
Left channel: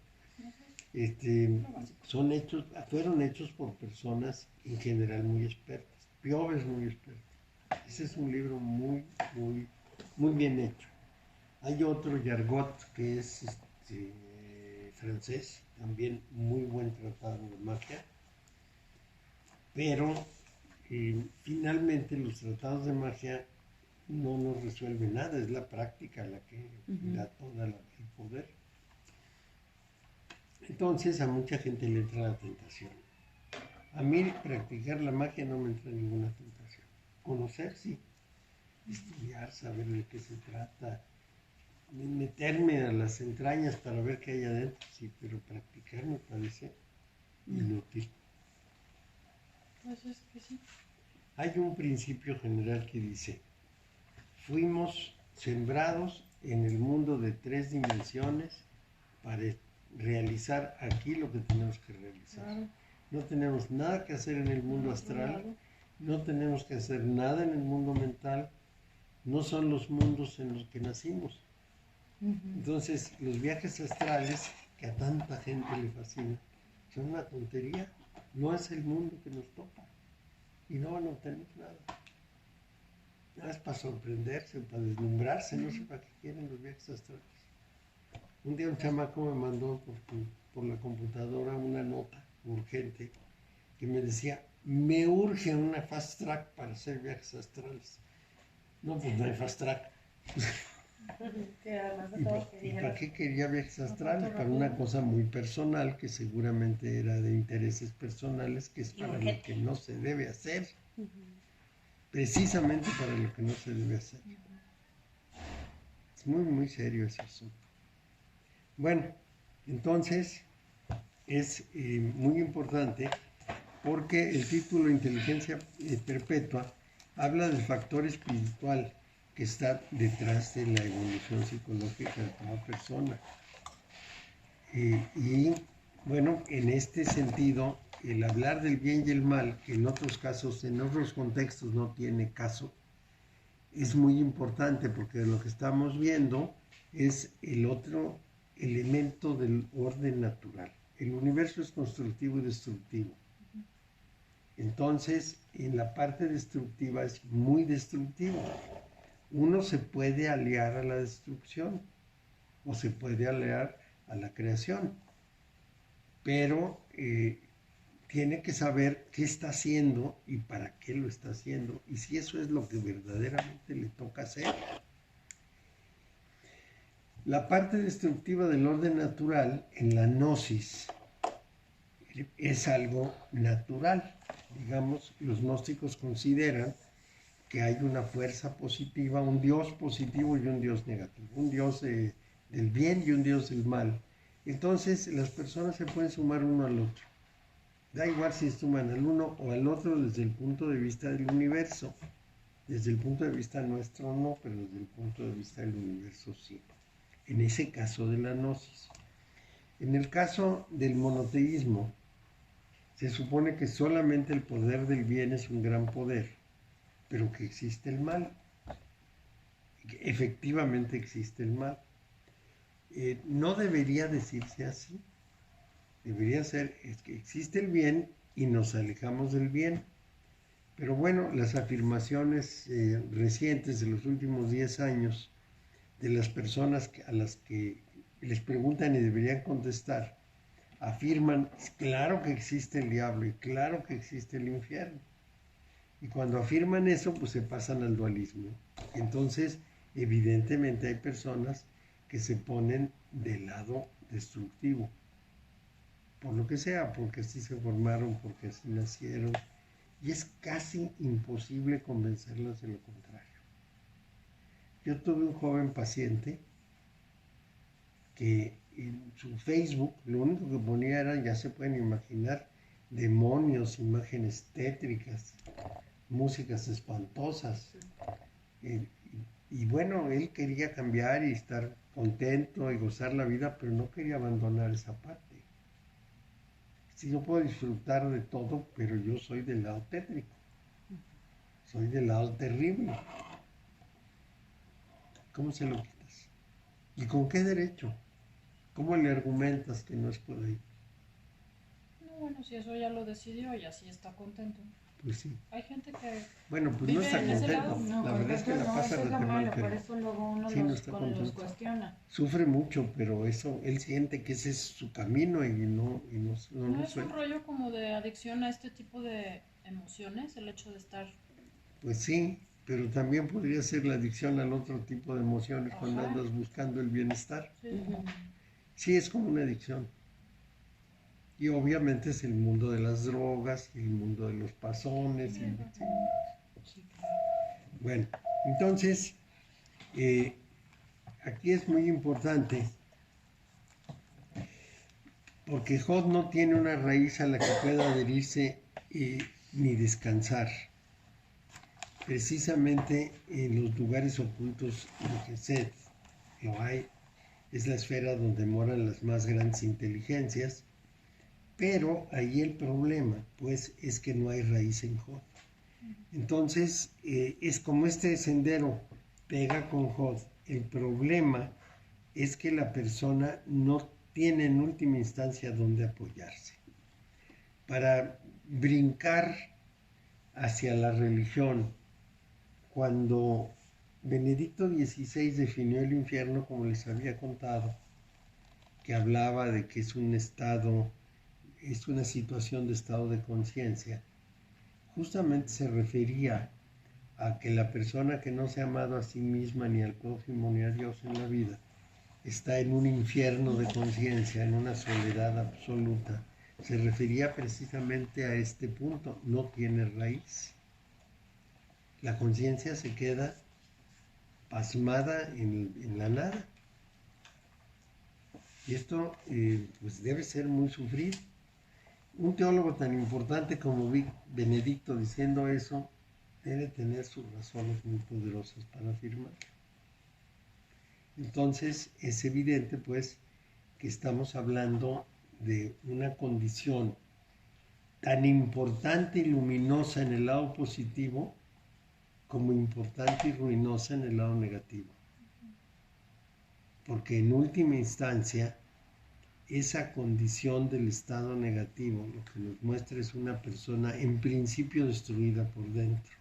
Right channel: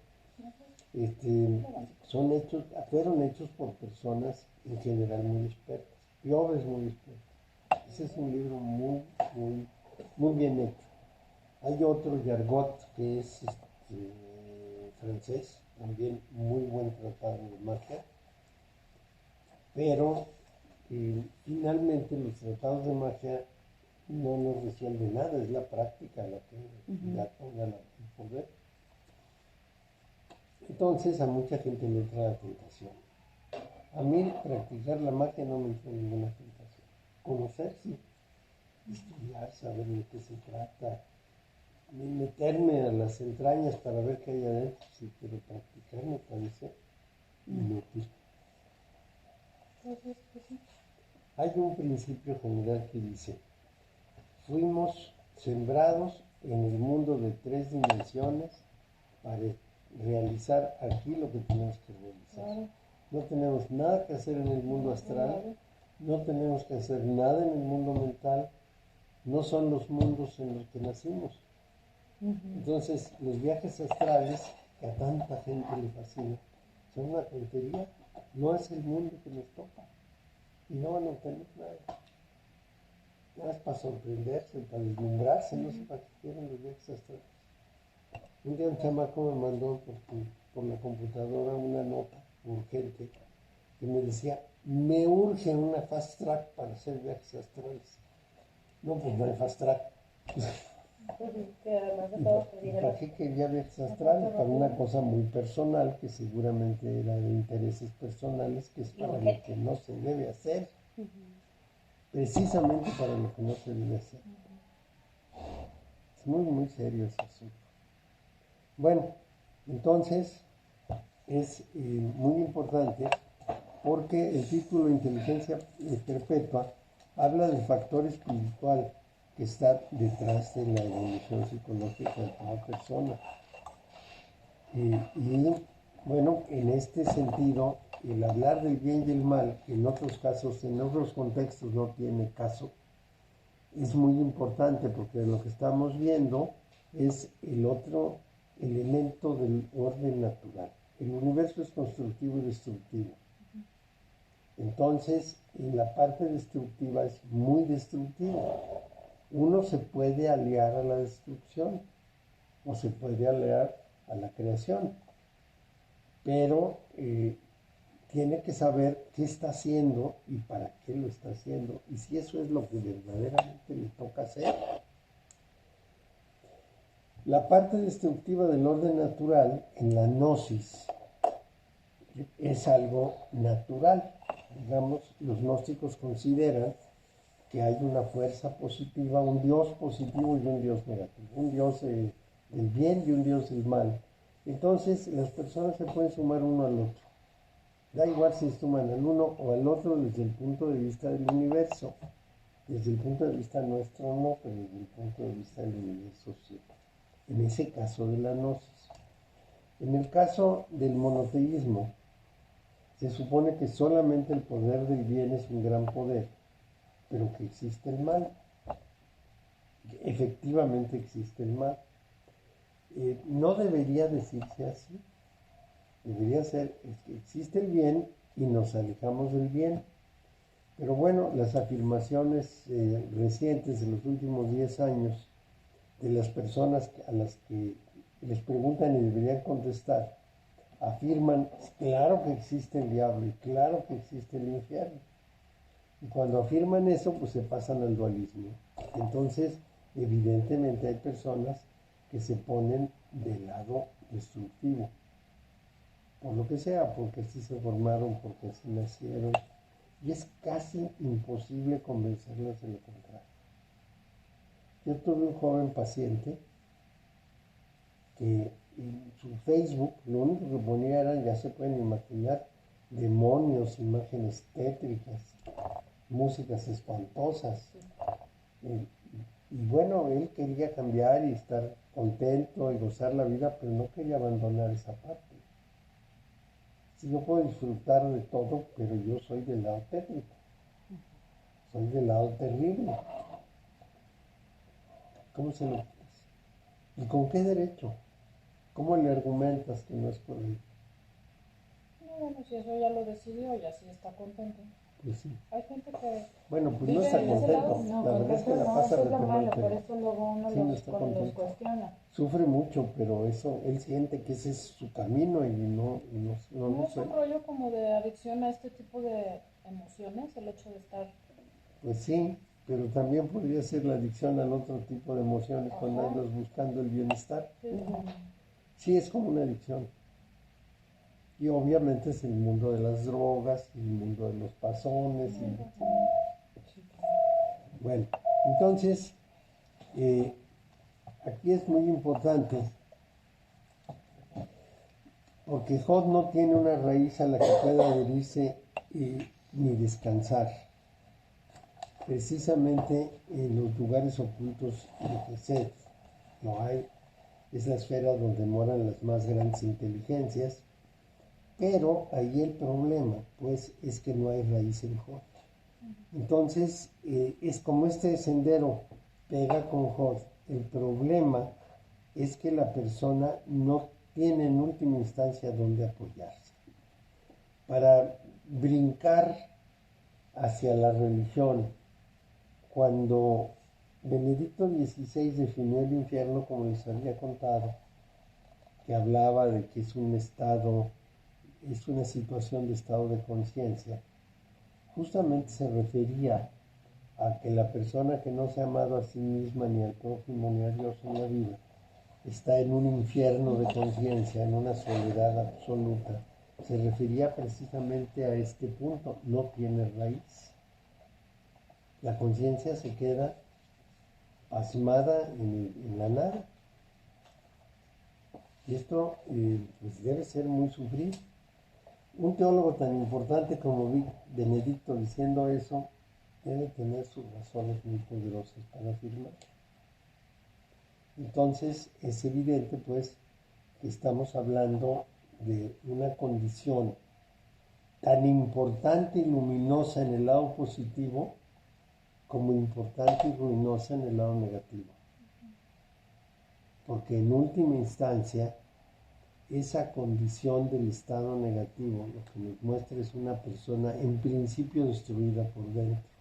fueron hechos por personas en general muy expertas. Piove es muy experto. Ese es un libro muy, muy, muy bien hecho. Hay otro, Yargot, que es francés, también muy buen tratado de magia. Pero finalmente los tratados de magia no nos resuelven nada, es la práctica la que da todo el poder. Entonces a mucha gente le entra la tentación. A mí practicar la magia no me entra ninguna tentación. Conocer sí, estudiar, saber de qué se trata, meterme a las entrañas para ver qué hay adentro, sí, pero practicar me parece inútil. Pues es que sí. Hay un principio general que dice, fuimos sembrados en el mundo de 3 dimensiones para realizar aquí lo que tenemos que realizar. Claro. No tenemos nada que hacer en el mundo astral, no tenemos que hacer nada en el mundo mental, no son los mundos en los que nacimos. Entonces, los viajes astrales, que a tanta gente le fascina, son una tontería. No es el mundo que nos toca. Y no van a obtener nada. Nada es para sorprenderse, para deslumbrarse, no sé para qué quieren los viajes astrales. Un día un chamaco me mandó por la computadora una nota urgente que me decía, me urge una fast track para hacer viajes astrales. No, pues no hay fast track. Que además de ¿Y todo para qué quería viajes astrales? Para una cosa muy personal, que seguramente era de intereses personales, que es para lo que no se debe hacer. Precisamente para lo que no se debe hacer. Es muy, muy serio ese asunto. Bueno, entonces es muy importante porque el título Inteligencia Perpetua habla del factor espiritual que está detrás de la evolución psicológica de toda persona. Y bueno, en este sentido, el hablar del bien y el mal, que en otros casos, en otros contextos no tiene caso, es muy importante porque lo que estamos viendo es el otro elemento del orden natural. El universo es constructivo y destructivo. Entonces, en la parte destructiva es muy destructivo. Uno se puede aliar a la destrucción o se puede aliar a la creación, pero tiene que saber qué está haciendo y para qué lo está haciendo y si eso es lo que verdaderamente le toca hacer. La parte destructiva del orden natural en la gnosis es algo natural. Digamos, los gnósticos consideran que hay una fuerza positiva, un Dios positivo y un Dios negativo, un Dios del bien y un Dios del mal. Entonces las personas se pueden sumar uno al otro. Da igual si suman al uno o al otro desde el punto de vista del universo. Desde el punto de vista nuestro no, pero desde el punto de vista del universo sí. En ese caso de la gnosis. En el caso del monoteísmo, se supone que solamente el poder del bien es un gran poder, pero que existe el mal. Que efectivamente existe el mal. No debería decirse así. Debería ser, es que existe el bien y nos alejamos del bien. Pero bueno, las afirmaciones recientes de los últimos 10 años de las personas a las que les preguntan y deberían contestar, afirman, claro que existe el diablo y claro que existe el infierno. Y cuando afirman eso, pues se pasan al dualismo. Entonces, evidentemente hay personas que se ponen del lado destructivo. por lo que sea, porque así se formaron, porque así nacieron, y es casi imposible convencerlos de lo contrario. Yo tuve un joven paciente que en su Facebook lo único que ponía eran, ya se pueden imaginar, demonios, imágenes tétricas, músicas espantosas. Y bueno, él quería cambiar y estar contento y gozar la vida, pero no quería abandonar esa parte. Sí, yo puedo disfrutar de todo, pero yo soy del lado tétrico. Soy del lado terrible. ¿Cómo se lo quitas? ¿Y con qué derecho? ¿Cómo le argumentas que no es por ahí? No, bueno, si eso ya lo decidió y así está contento. Pues sí. Hay gente que Bueno, pues no vive está en ese contento. lado. No, La verdad es que la pasa eso es lo re mal, malo, por pero eso luego uno sí, no los, está los contento. cuestiona. Sufre mucho, pero eso, él siente que ese es su camino y no ¿No lo es un suelta. rollo como de adicción a este tipo de emociones? El hecho de estar... Pues sí, pero también podría ser la adicción al otro tipo de emociones cuando Ajá. andas buscando el bienestar. Sí. Sí, es como una adicción. Y obviamente es el mundo de las drogas, el mundo de los pasones. Bueno, entonces, aquí es muy importante porque Jod no tiene una raíz a la que pueda adherirse ni descansar. Precisamente en los lugares ocultos de Gesed lo hay, es la esfera donde moran las más grandes inteligencias, pero ahí el problema, pues, es que no hay raíz en Jod. Entonces, es como este sendero pega con Jod. El problema es que la persona no tiene en última instancia donde apoyarse. Para brincar hacia la religión, cuando Benedicto XVI definió el infierno, como les había contado, que hablaba de que es un estado, es una situación de estado de conciencia, justamente se refería a que la persona que no se ha amado a sí misma, ni al prójimo, ni a Dios en la vida, está en un infierno de conciencia, en una soledad absoluta. Se refería precisamente a este punto, no tiene raíz. La conciencia se queda pasmada en la nada. Y esto pues debe ser muy sufrido. Un teólogo tan importante como Benedicto diciendo eso, debe tener sus razones muy poderosas para afirmar. Entonces es evidente pues que estamos hablando de una condición tan importante y luminosa en el lado positivo como importante y ruinosa en el lado negativo. Porque en última instancia, esa condición del estado negativo lo que nos muestra es una persona en principio destruida por dentro.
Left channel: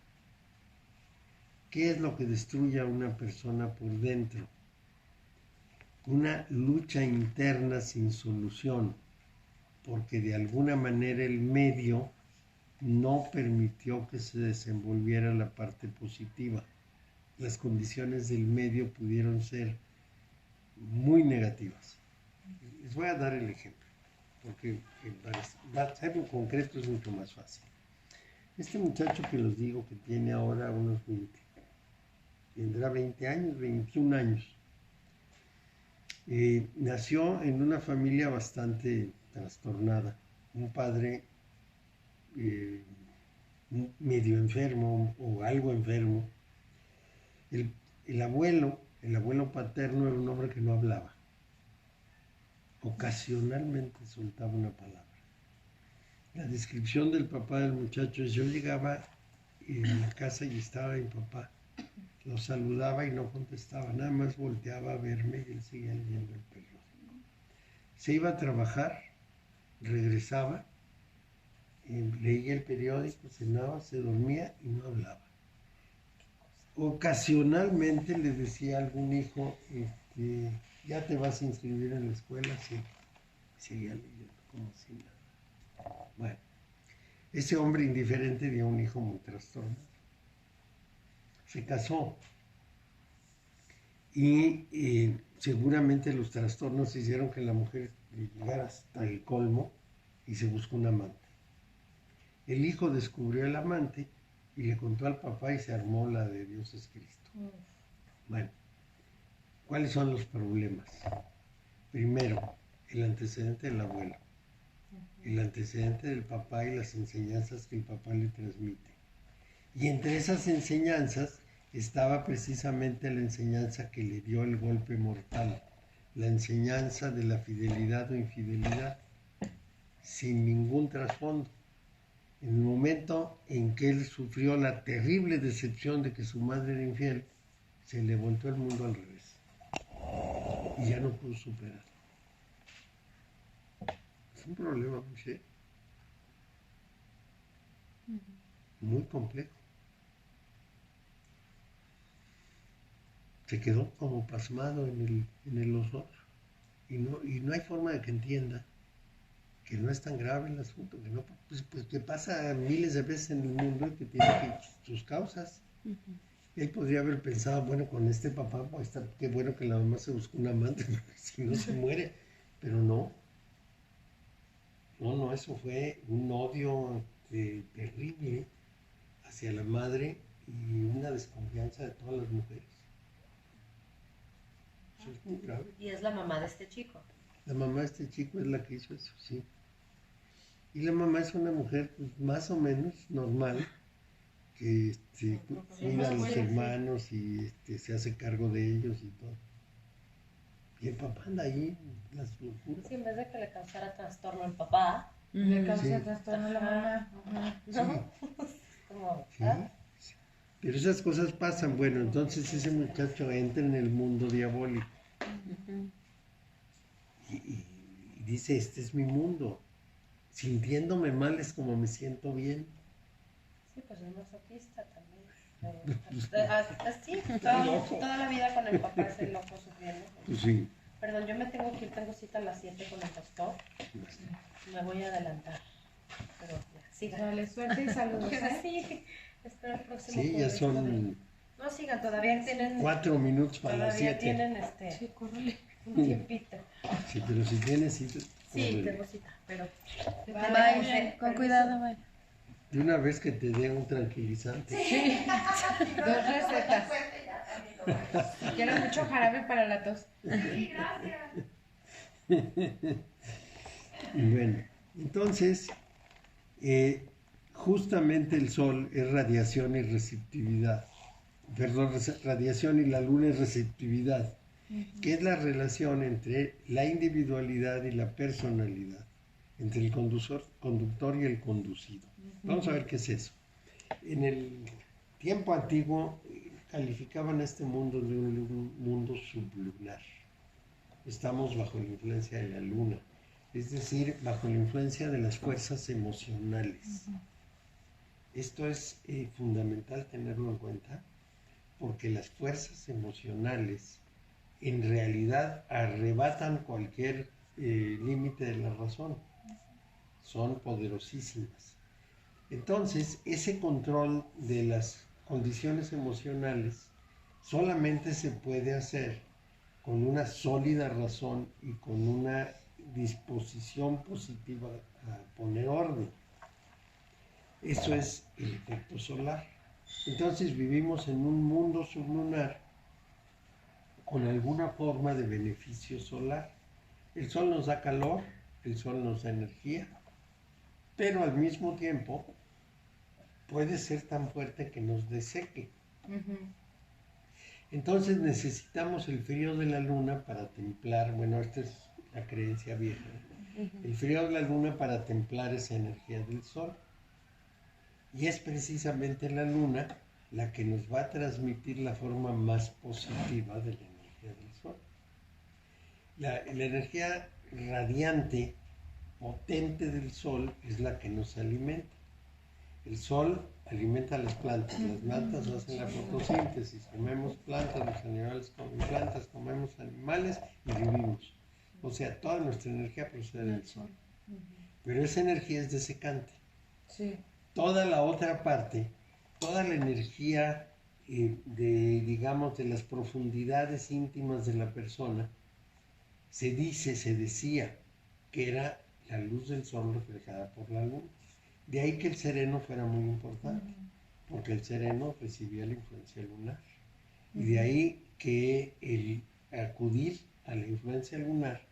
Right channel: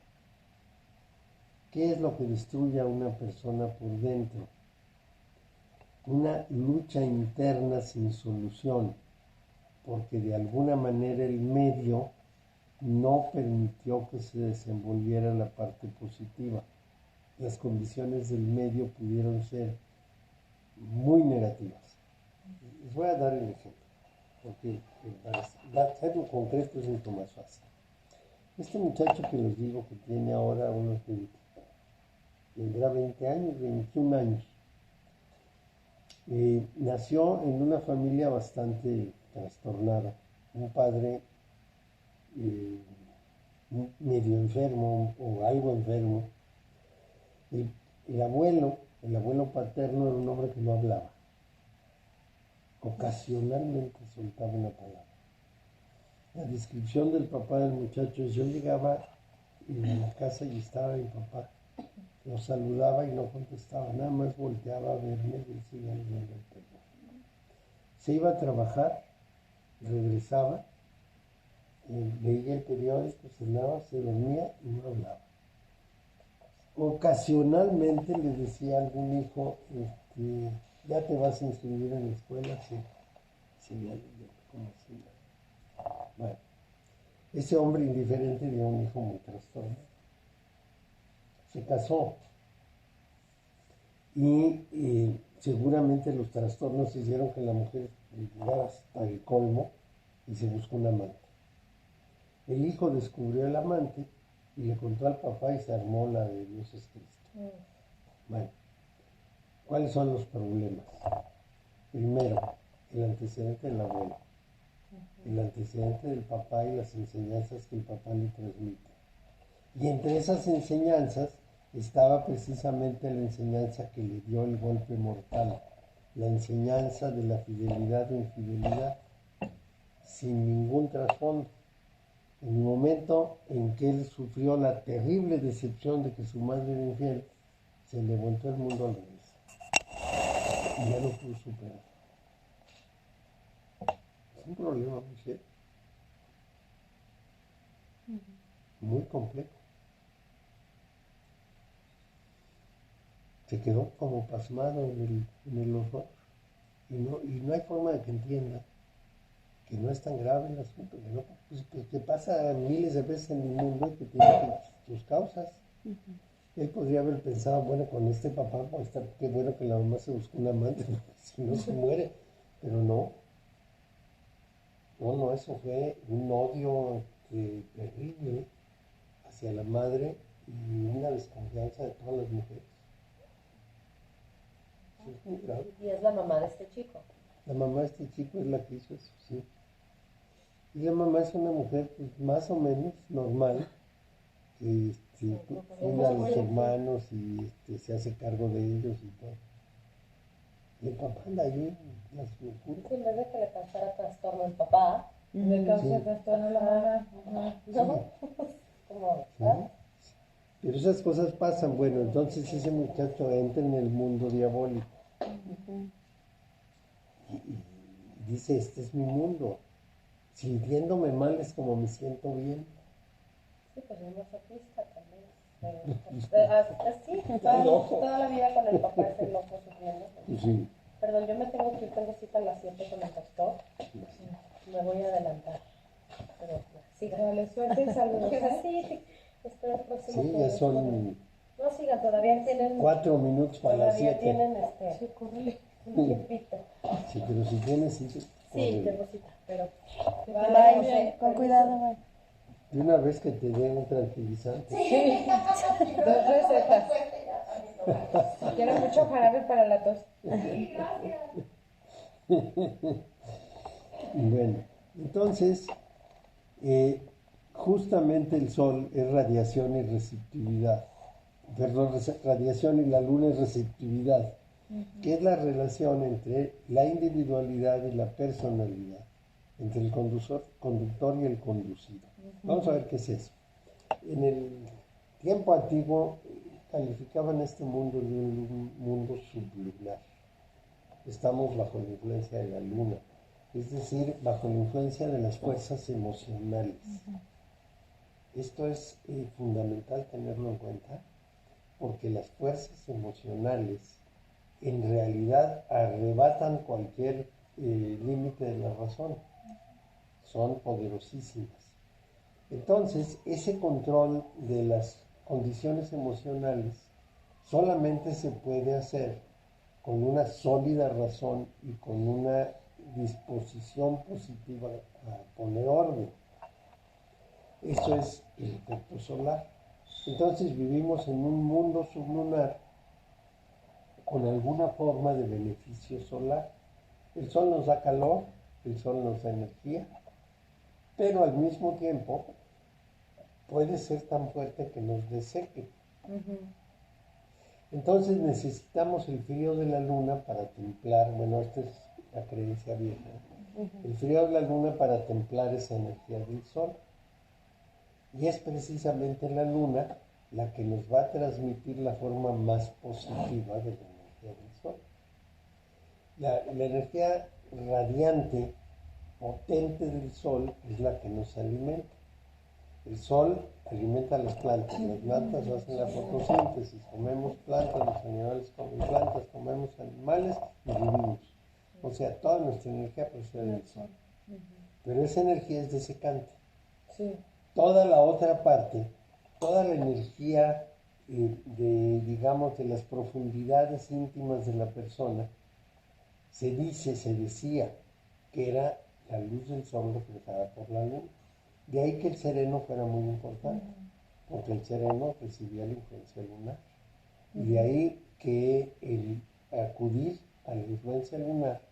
¿Qué es lo que destruye a una persona por dentro? Una lucha interna sin solución, porque de alguna manera el medio no permitió que se desenvolviera la parte positiva. Las condiciones del medio pudieron ser muy negativas. Les voy a dar el ejemplo, porque para hacerlo concreto es mucho más fácil. Este muchacho que les digo que tiene ahora unos 20, tendrá 20 años, 21 años, nació en una familia bastante trastornada. Un padre medio enfermo o algo enfermo. El abuelo paterno era un hombre que no hablaba. Ocasionalmente soltaba una palabra. La descripción del papá del muchacho es: yo llegaba a la casa y estaba mi papá. Lo saludaba y no contestaba, nada más volteaba a verme y él seguía leyendo el periódico. Se iba a trabajar, regresaba, leía el periódico, cenaba, se dormía y no hablaba. Ocasionalmente le decía a algún hijo, ¿ya te vas a inscribir en la escuela? Sí. Seguía leyendo como si nada. Bueno, ese hombre indiferente dio un hijo muy trastornado. Se casó y seguramente los trastornos hicieron que la mujer llegara hasta el colmo y se buscó un amante. El hijo descubrió el amante y le contó al papá y se armó la de Dios es Cristo. Bueno, ¿cuáles son los problemas? Primero, el antecedente del abuelo, el antecedente del papá y las enseñanzas que el papá le transmite. Y entre esas enseñanzas estaba precisamente la enseñanza que le dio el golpe mortal, la enseñanza de la fidelidad o infidelidad, sin ningún trasfondo. En el momento en que él sufrió la terrible decepción de que su madre era infiel, se le volteó el mundo al revés y ya no pudo superar. Es un problema muy serio, muy complejo. Se quedó como pasmado en los otros y no hay forma de que entienda que no es tan grave el asunto, que, no, pues que pasa miles de veces en el mundo y que tiene sus causas. Él podría haber pensado, bueno, con este papá, pues qué bueno que la mamá se buscó un amante, porque si no se muere, pero no, eso fue un odio terrible hacia la madre y una desconfianza de todas las mujeres. Eso es muy grave. Y es la mamá de este chico. La mamá de este chico es la que hizo eso, sí. Y la mamá es una mujer pues, más o menos normal, que cuida a los hermanos y se hace cargo de ellos y todo. Y el papá anda ahí, las locuras. Sí, en vez de que le causara trastorno al papá, Le causa Sí. trastorno a la mamá. Sí, como, sí, ¿ah? sí. Pero esas cosas pasan. Bueno, entonces ese muchacho entra en el mundo diabólico y dice, este es mi mundo. Sintiéndome mal es como me siento bien. Sí, pues es masoquista también. Así, toda la vida con el papá es el loco sufriendo. Pues sí. Perdón, yo me tengo que ir, tengo cita a las 7 con el doctor. Me voy a adelantar. Pero ya, sigan. Dale suerte y saludos. Sí, espero el próximo Sí, ya jueves. son No, sigan, todavía tienen... 4 minutos para las Todavía 7. tienen Sí, córrele. un tiempito. Sí, pero si tienes cita, Sí, córrele. tengo cita, pero... Bye, con cuidado, bye. De una vez que te den un tranquilizante. Dos recetas. Quiero mucho jarabe para la tos. Bueno, entonces, justamente el Sol es radiación y receptividad. Perdón, radiación y la Luna es receptividad, que es la relación entre la individualidad y la personalidad, entre el conductor y el conducido. Vamos a ver qué es eso. En el tiempo antiguo calificaban este mundo de un mundo sublunar. Estamos bajo la influencia de la Luna, es decir, bajo la influencia de las fuerzas emocionales. Esto es fundamental tenerlo en cuenta, porque las fuerzas emocionales en realidad arrebatan cualquier límite de la razón. Son poderosísimas. Entonces, ese control de las condiciones emocionales solamente se puede hacer con una sólida razón y con una disposición positiva a poner orden. Eso es el efecto solar. Entonces vivimos en un mundo sublunar con alguna forma de beneficio solar. El sol nos da calor, el sol nos da energía, pero al mismo tiempo puede ser tan fuerte que nos deseque. Entonces necesitamos el frío de la luna para templar, bueno, esta es la creencia vieja, el frío de la luna para templar esa energía del sol. Y es precisamente la luna la que nos va a transmitir la forma más positiva de la energía del sol. La energía radiante, potente del sol es la que nos alimenta. El sol alimenta a las plantas hacen la fotosíntesis, comemos plantas, los animales comen plantas, comemos animales y vivimos. O sea, toda nuestra energía procede del sol. Pero esa energía es desecante. Sí. Toda la otra parte, toda la energía de las profundidades íntimas de la persona, se decía que era la luz del sol reflejada por la luna. De ahí que el sereno fuera muy importante, porque el sereno recibía la influencia lunar. Y de ahí que el acudir a la influencia lunar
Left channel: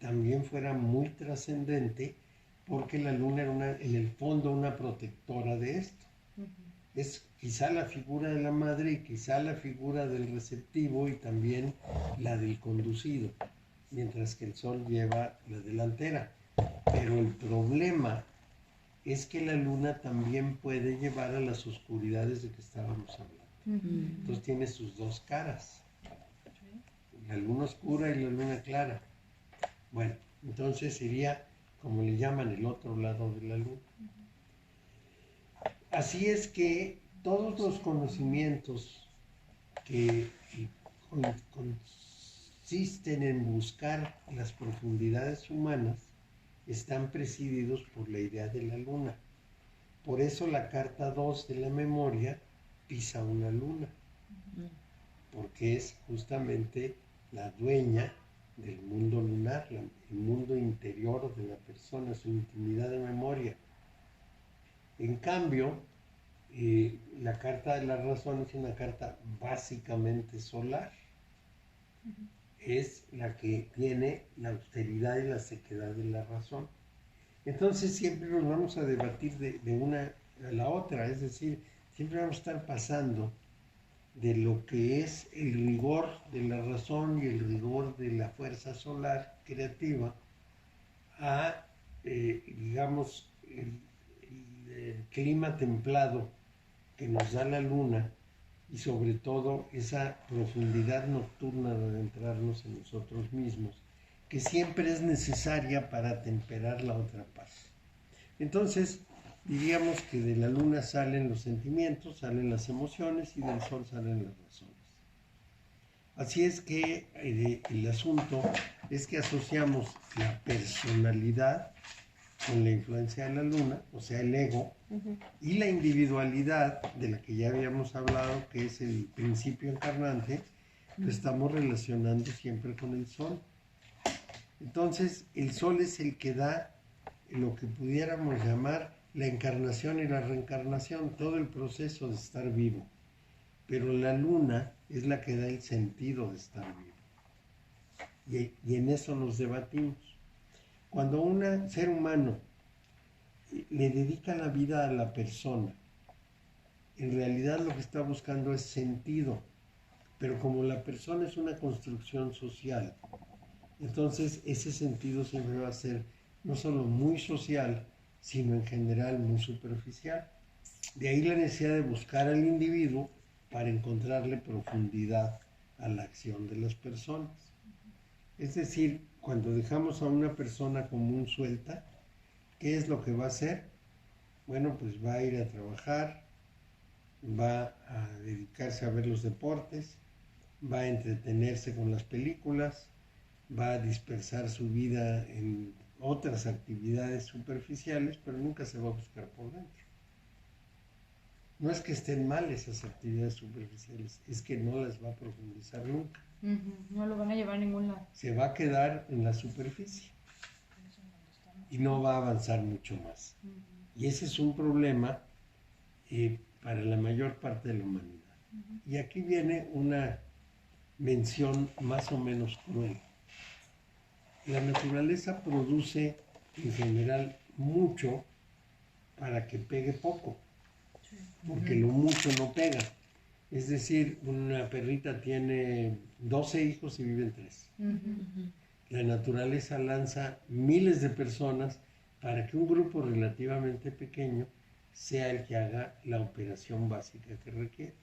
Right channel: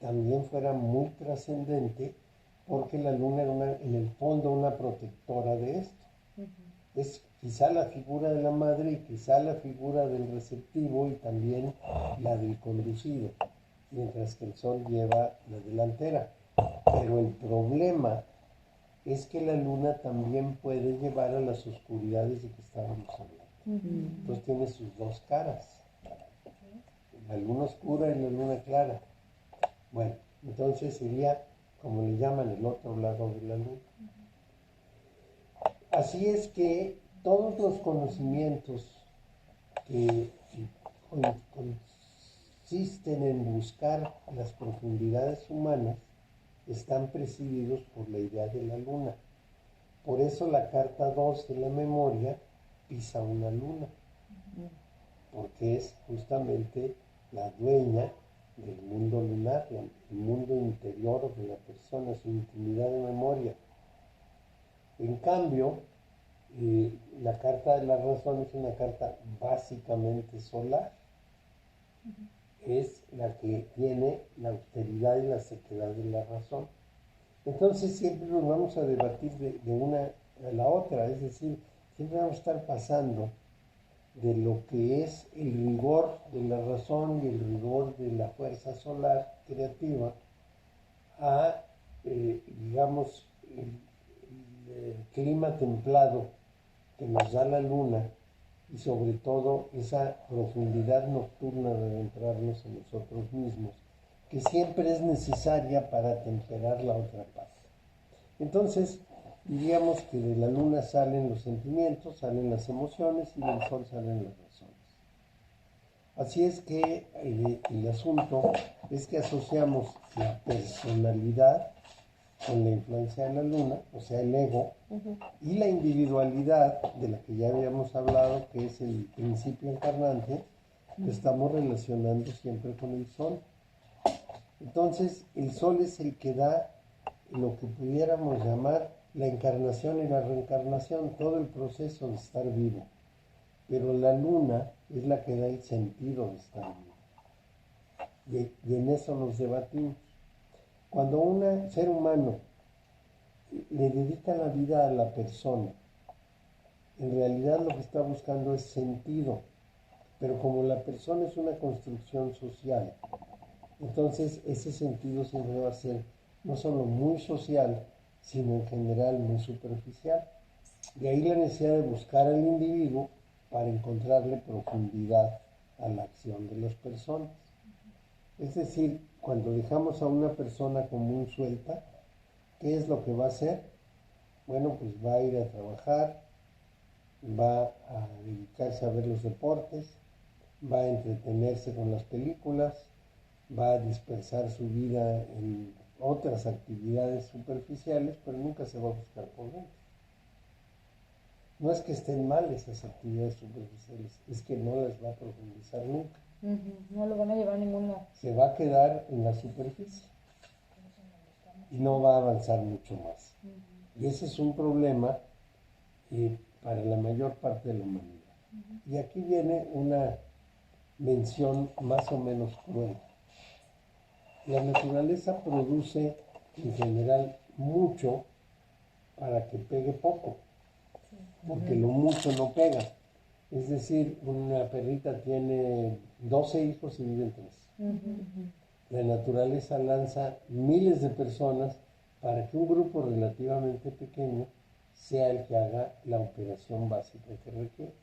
también fuera muy trascendente, porque la luna era en el fondo una protectora de esto. Es quizá la figura de la madre y quizá la figura del receptivo y también la del conducido, mientras que el sol lleva la delantera. Pero el problema es que la luna también puede llevar a las oscuridades de que estábamos hablando. Entonces tiene sus dos caras, la luna oscura y la luna clara. Bueno, entonces sería, como le llaman, el otro lado de la luna. Así es que todos los conocimientos que consisten en buscar las profundidades humanas están presididos por la idea de la luna. Por eso la carta 2 de la memoria pisa una luna, porque es justamente la dueña del mundo lunar, el mundo interior de la persona, su intimidad de memoria. En cambio, la carta de la razón es una carta básicamente solar. Es la que tiene la austeridad y la sequedad de la razón. Entonces siempre nos vamos a debatir de una a la otra, es decir, siempre vamos a estar pasando de lo que es el rigor de la razón y el rigor de la fuerza solar creativa a, digamos, el clima templado que nos da la luna y sobre todo esa profundidad nocturna de adentrarnos en nosotros mismos, que siempre es necesaria para temperar la otra parte. Entonces, diríamos que de la luna salen los sentimientos, salen las emociones y del sol salen las razones. Así es que el asunto es que asociamos la personalidad con la influencia de la luna, o sea, el ego, y la individualidad, de la que ya habíamos hablado, que es el principio encarnante, lo estamos relacionando siempre con el sol. Entonces, el sol es el que da lo que pudiéramos llamar la encarnación y la reencarnación, todo el proceso de estar vivo. Pero la luna es la que da el sentido de estar vivo. Y en eso nos debatimos. Cuando un ser humano le dedica la vida a la persona, en realidad lo que está buscando es sentido. Pero como la persona es una construcción social, entonces ese sentido siempre va a ser no solo muy social, sino en general muy superficial. De ahí la necesidad de buscar al individuo para encontrarle profundidad a la acción de las personas. Es decir, cuando dejamos a una persona común suelta, ¿qué es lo que va a hacer? Bueno, pues va a ir a trabajar, va a dedicarse a ver los deportes, va a entretenerse con las películas, va a dispersar su vida en otras actividades superficiales, pero nunca se va a buscar por dentro. No es que estén mal esas actividades superficiales, es que no las va a profundizar nunca. No lo van a llevar a ningún lado. Se va a quedar en la superficie y no va a avanzar mucho más. Y ese es un problema para la mayor parte de la humanidad. Y aquí viene una mención más o menos cruel. La naturaleza produce en general mucho para que pegue poco, porque lo mucho no pega. Es decir, una perrita tiene 12 hijos y viven 3. La naturaleza lanza miles de personas para que un grupo relativamente pequeño sea el que haga la operación básica que requiere.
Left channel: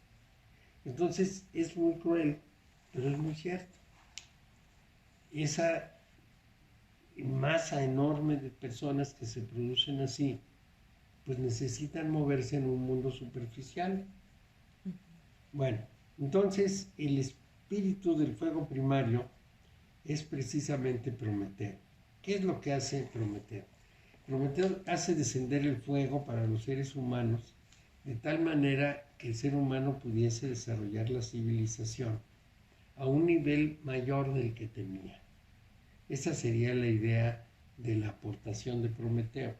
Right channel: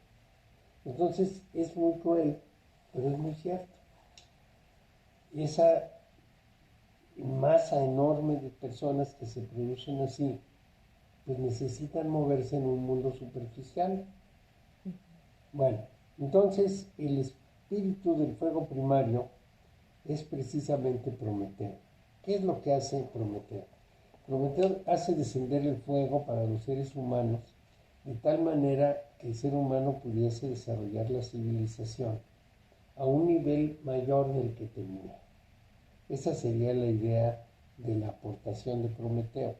Entonces es muy cruel, pero es muy cierto. Esa masa enorme de personas que se producen así, pues necesitan moverse en un mundo superficial. Bueno, entonces el espíritu del fuego primario es precisamente Prometeo. ¿Qué es lo que hace Prometeo? Prometeo hace descender el fuego para los seres humanos de tal manera que el ser humano pudiese desarrollar la civilización a un nivel mayor del que tenía. Esa sería la idea de la aportación de Prometeo.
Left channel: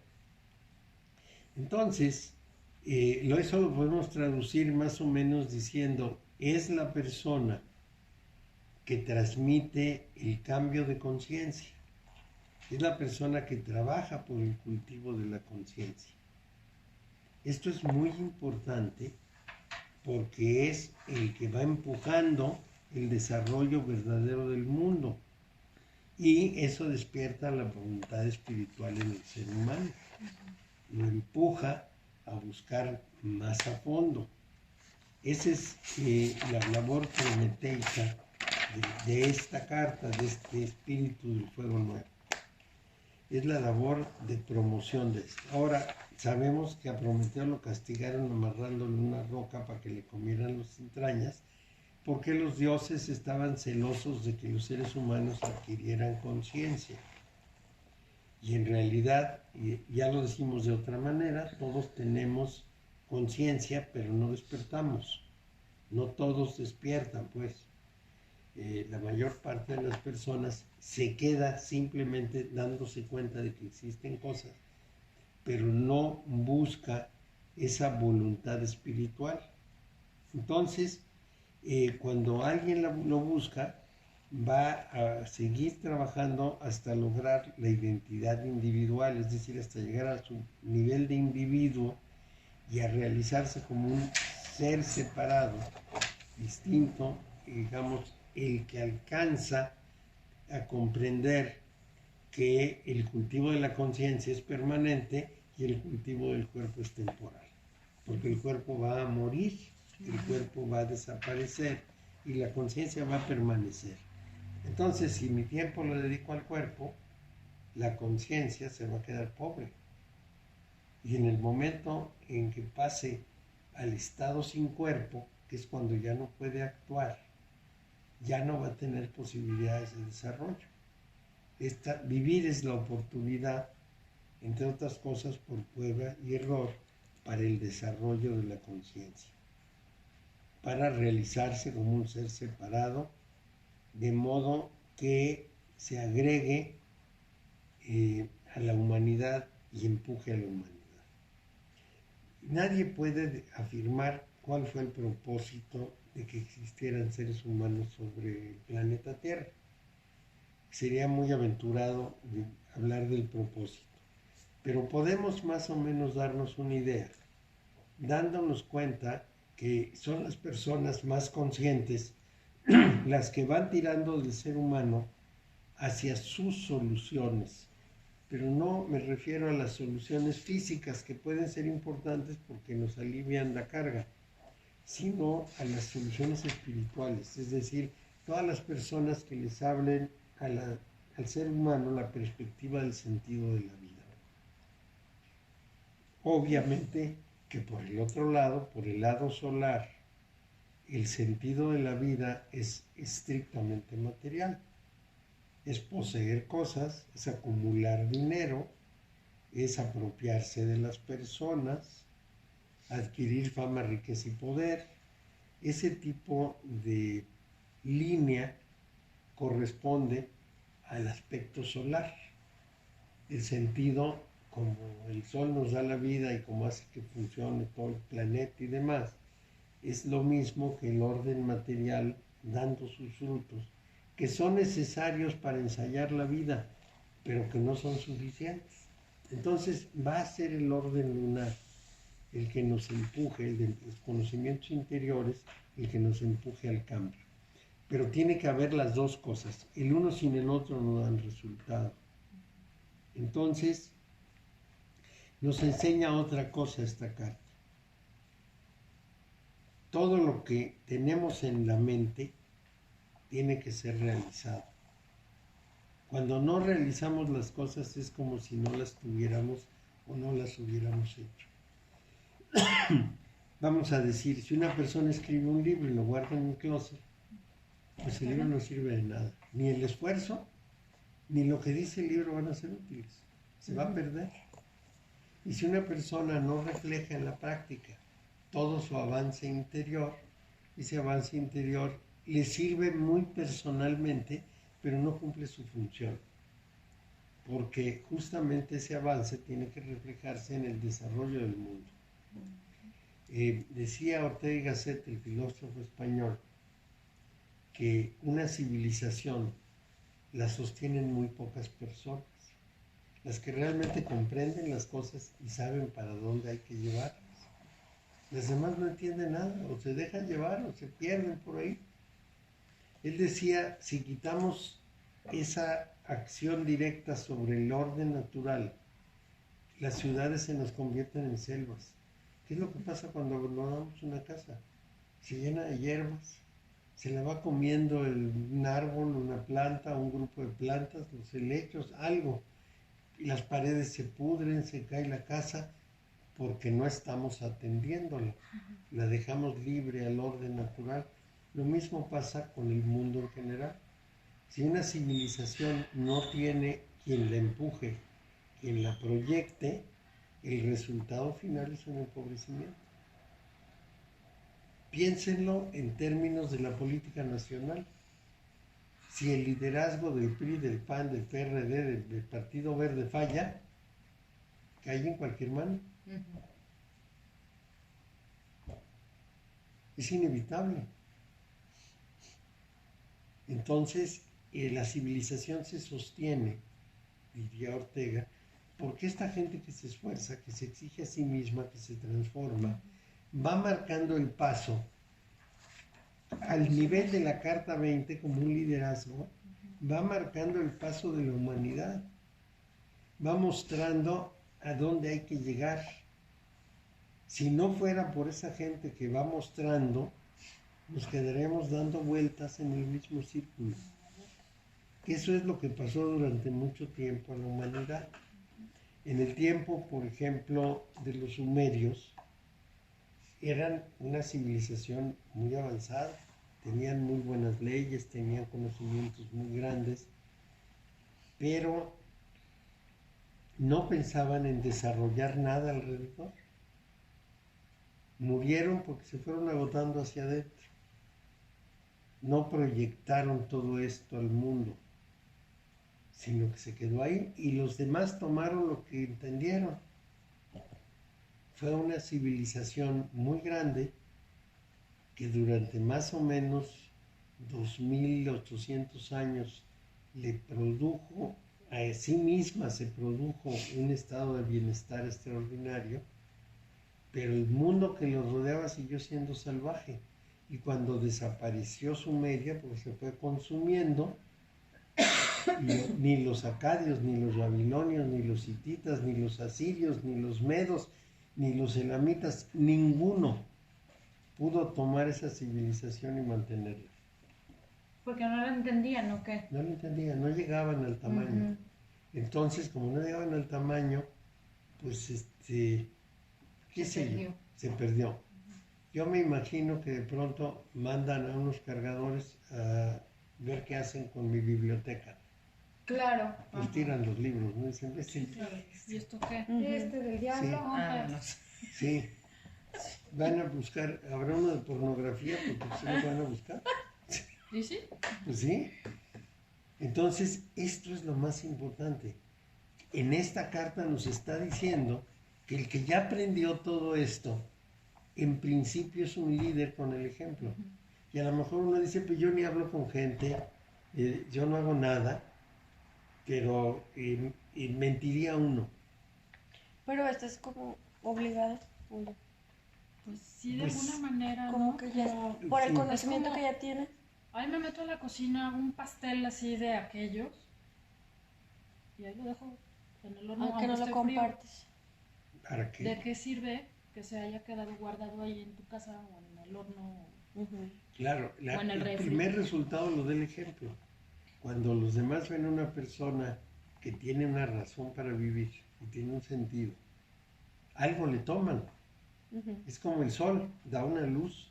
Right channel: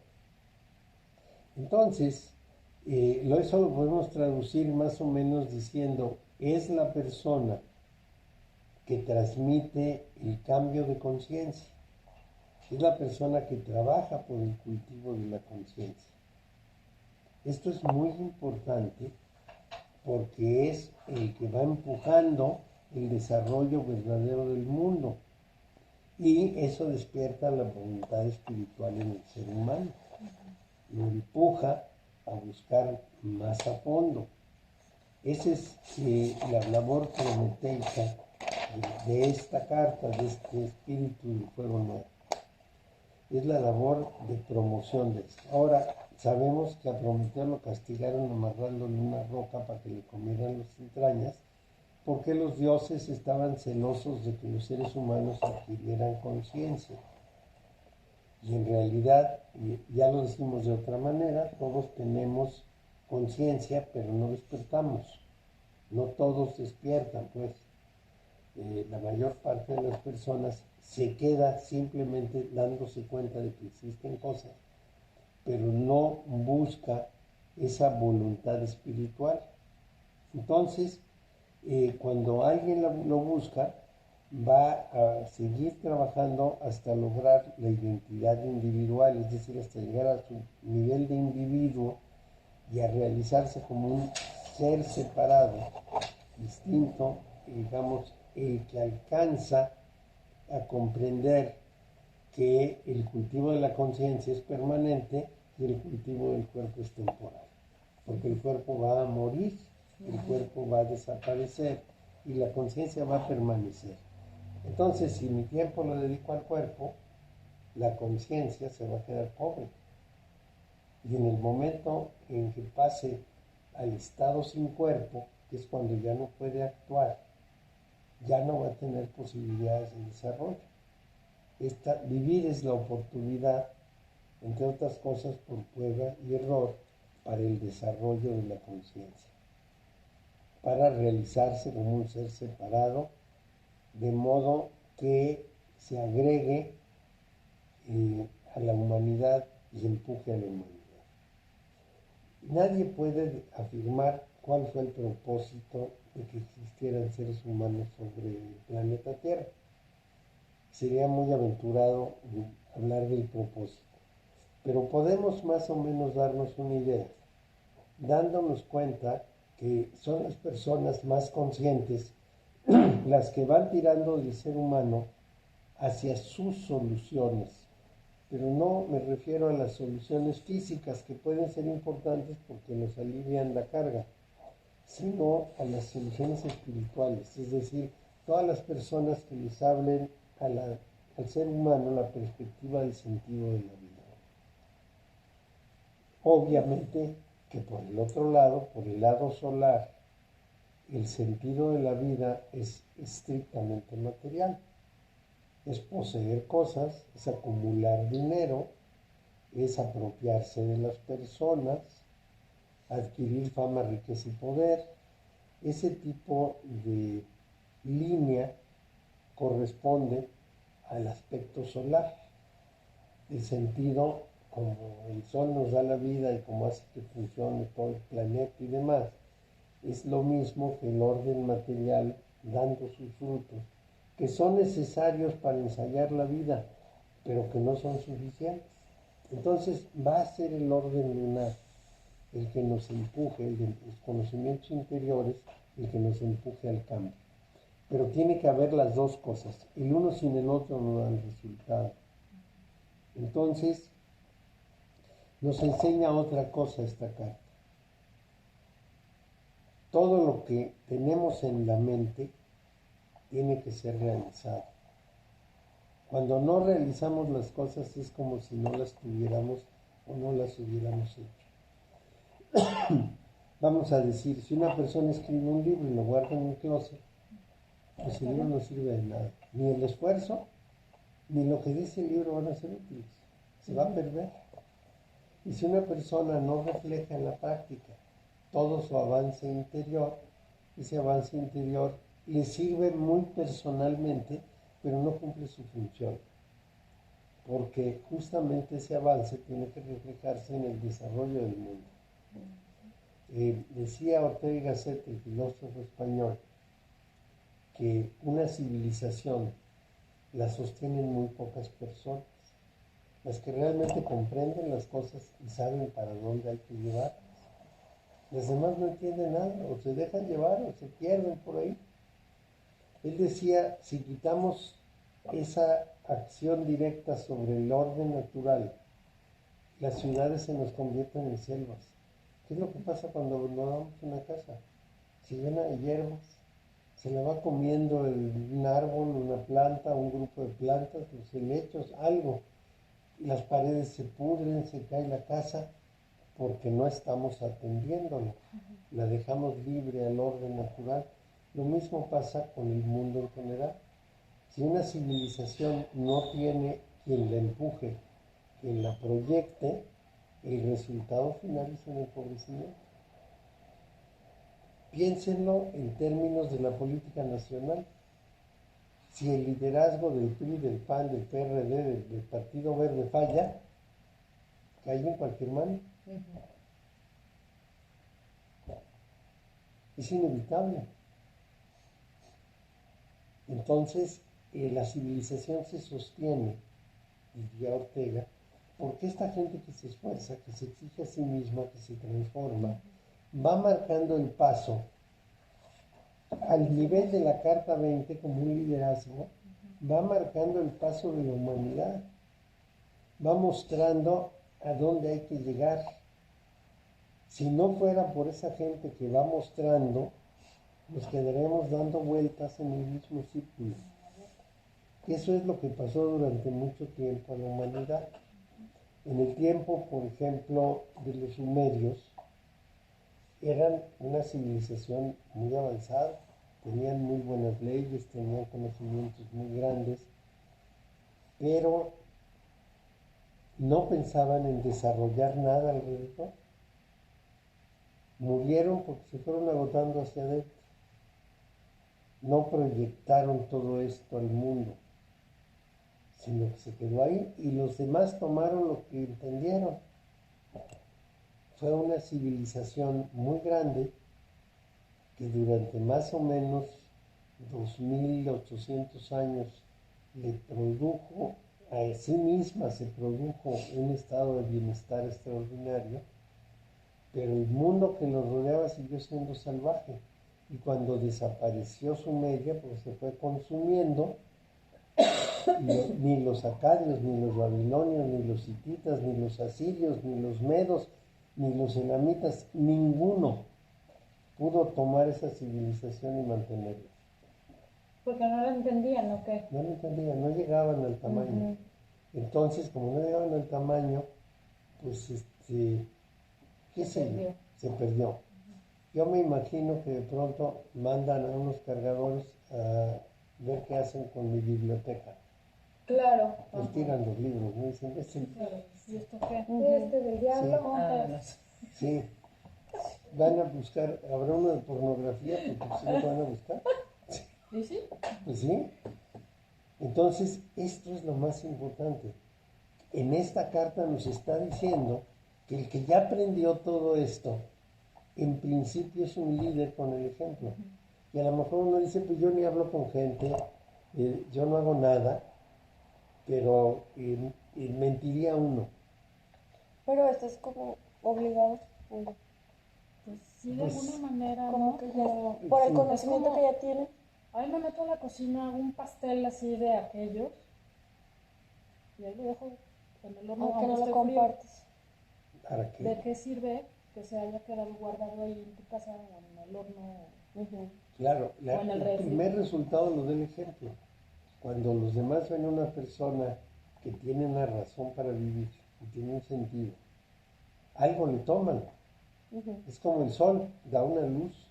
Entonces, eso lo podemos traducir más o menos diciendo, es la persona que transmite el cambio de conciencia, es la persona que trabaja por el cultivo de la conciencia. Esto es muy importante porque es el que va empujando el desarrollo verdadero del mundo y eso despierta la voluntad espiritual en el ser humano, lo empuja a buscar más a fondo. Esa es la labor prometeica de esta carta, de este espíritu del fuego nuevo. Es la labor de promoción de esto. Ahora, sabemos que a Prometeo lo castigaron amarrándole una roca para que le comieran las entrañas, porque los dioses estaban celosos de que los seres humanos adquirieran conciencia. Y en realidad, ya lo decimos de otra manera, todos tenemos conciencia, pero no despertamos. No todos despiertan, pues. La mayor parte de las personas se queda simplemente dándose cuenta de que existen cosas, pero no busca esa voluntad espiritual. Entonces, cuando alguien lo busca, va a seguir trabajando hasta lograr la identidad individual, es decir, hasta llegar a su nivel de individuo y a realizarse como un ser separado, distinto, digamos, el que alcanza a comprender que el cultivo de la conciencia es permanente y el cultivo del cuerpo es temporal, porque el cuerpo va a morir, el cuerpo va a desaparecer y la conciencia va a permanecer. Entonces, si mi tiempo lo dedico al cuerpo, la conciencia se va a quedar pobre. Y en el momento en que pase al estado sin cuerpo, que es cuando ya no puede actuar, ya no va a tener posibilidades de desarrollo. Vivir es la oportunidad, entre otras cosas, por prueba y error, para el desarrollo de la conciencia, para realizarse como un ser separado, de modo que se agregue a la humanidad y empuje a la humanidad. Nadie puede afirmar cuál fue el propósito de que existieran seres humanos sobre el planeta Tierra. Sería muy aventurado hablar del propósito, pero podemos más o menos darnos una idea, dándonos cuenta que son las personas más conscientes las que van tirando del ser humano hacia sus soluciones, pero no me refiero a las soluciones físicas, que pueden ser importantes porque nos alivian la carga, sino a las soluciones espirituales, es decir, todas las personas que les hablen al ser humano la perspectiva del sentido de la vida. Obviamente que por el otro lado, por el lado solar, el sentido de la vida es estrictamente material. Es poseer cosas, es acumular dinero, es apropiarse de las personas, adquirir fama, riqueza y poder. Ese tipo de línea corresponde al aspecto solar. El sentido, como el sol nos da la vida y como hace que funcione todo el planeta y demás, es lo mismo que el orden material dando sus frutos, que son necesarios para ensayar la vida, pero que no son suficientes. Entonces va a ser el orden lunar el que nos empuje, el de los conocimientos interiores, el que nos empuje al cambio. Pero tiene que haber las dos cosas. El uno sin el otro no dan resultado. Entonces, nos enseña otra cosa esta carta. Todo lo que tenemos en la mente tiene que ser realizado. Cuando no realizamos las cosas es como si no las tuviéramos o no las hubiéramos hecho. Vamos a decir, si una persona escribe un libro y lo guarda en un closet, pues el libro no sirve de nada. Ni el esfuerzo, ni lo que dice el libro van a ser útiles. Se va a perder. Y si una persona no refleja en la práctica todo su avance interior, ese avance interior le sirve muy personalmente, pero no cumple su función. porque justamente ese avance tiene que reflejarse en el desarrollo del mundo. Decía Ortega y Gasset, el filósofo español, que una civilización la sostienen muy pocas personas, las que realmente comprenden las cosas y saben para dónde hay que llevarlas. Las demás no entienden nada, o se dejan llevar o se pierden por ahí. Él decía, si quitamos esa acción directa sobre el orden natural, las ciudades se nos convierten en selvas. ¿Qué es lo que pasa cuando abandonamos una casa? Se llena de hierbas, se la va comiendo un árbol, una planta, un grupo de plantas, los helechos, algo. Y las paredes se pudren, se cae la casa, porque no estamos atendiéndola. La dejamos libre al orden natural. Lo mismo pasa con el mundo en general. Si una civilización no tiene quien la empuje, quien la proyecte, el resultado final es un empobrecimiento. Piénsenlo en términos de la política nacional. Si el liderazgo del PRI, del PAN, del PRD, del Partido Verde falla, cae en cualquier mano. Es inevitable. Entonces, la civilización se sostiene, diría Ortega, porque esta gente que se esfuerza, que se exige a sí misma, que se transforma, va marcando el paso al nivel de la Carta 20 como un liderazgo, va marcando el paso de la humanidad, va mostrando a dónde hay que llegar. Si no fuera por esa gente que va mostrando, nos quedaremos dando vueltas en el mismo círculo. Que eso es lo que pasó durante mucho tiempo a la humanidad. En el tiempo, por ejemplo, de los sumerios, eran una civilización muy avanzada, tenían muy buenas leyes, tenían conocimientos muy grandes, pero no pensaban en desarrollar nada alrededor. Murieron porque se fueron agotando hacia adentro. No proyectaron todo esto al mundo, sino que se quedó ahí y los demás tomaron lo que entendieron. Fue una civilización muy grande que durante más o menos 2800 años le produjo, a sí misma se produjo un estado de bienestar extraordinario, pero el mundo que los rodeaba siguió siendo salvaje. Y cuando desapareció Sumeria, porque se fue consumiendo, ni los acadios, ni los babilonios, ni los hititas, ni los asirios, ni los medos, ni los elamitas, ninguno pudo tomar esa civilización y mantenerla. Porque no lo entendían, ¿o qué? No lo entendían, no llegaban al tamaño. Entonces, como no llegaban al tamaño, pues qué sé yo, se perdió. Yo me imagino que de pronto mandan a unos cargadores a ver qué hacen con mi biblioteca. Claro. Pues tiran los libros, ¿no? Dicen, Claro. ¿Y esto qué? Este del diablo. Sí. Van a buscar, habrá uno de pornografía, porque si lo van a buscar. ¿Y sí? Pues sí. Entonces, esto es lo más importante. En esta carta nos está diciendo que el que ya aprendió todo esto, en principio es un líder con el ejemplo. Y a lo mejor uno dice, pues yo ni hablo con gente, yo no hago nada, pero mentiría uno. Pero esto es como obligado. Pues sí, de Pues, alguna manera, Como ¿no? que ya, Como, por el sí. conocimiento Es como- que ya tiene. ahí me meto a la cocina, hago un pastel así de aquellos y ahí lo dejo en el horno. Aunque no lo esté frío. compartes. ¿Para qué? ¿De qué sirve que se haya quedado guardado ahí en tu casa o en el horno? Claro, O en el el refri. primer resultado lo da el ejemplo. Cuando los demás ven a una persona que tiene una razón para vivir, que tiene un sentido, algo le toman. Es como el sol, da una luz.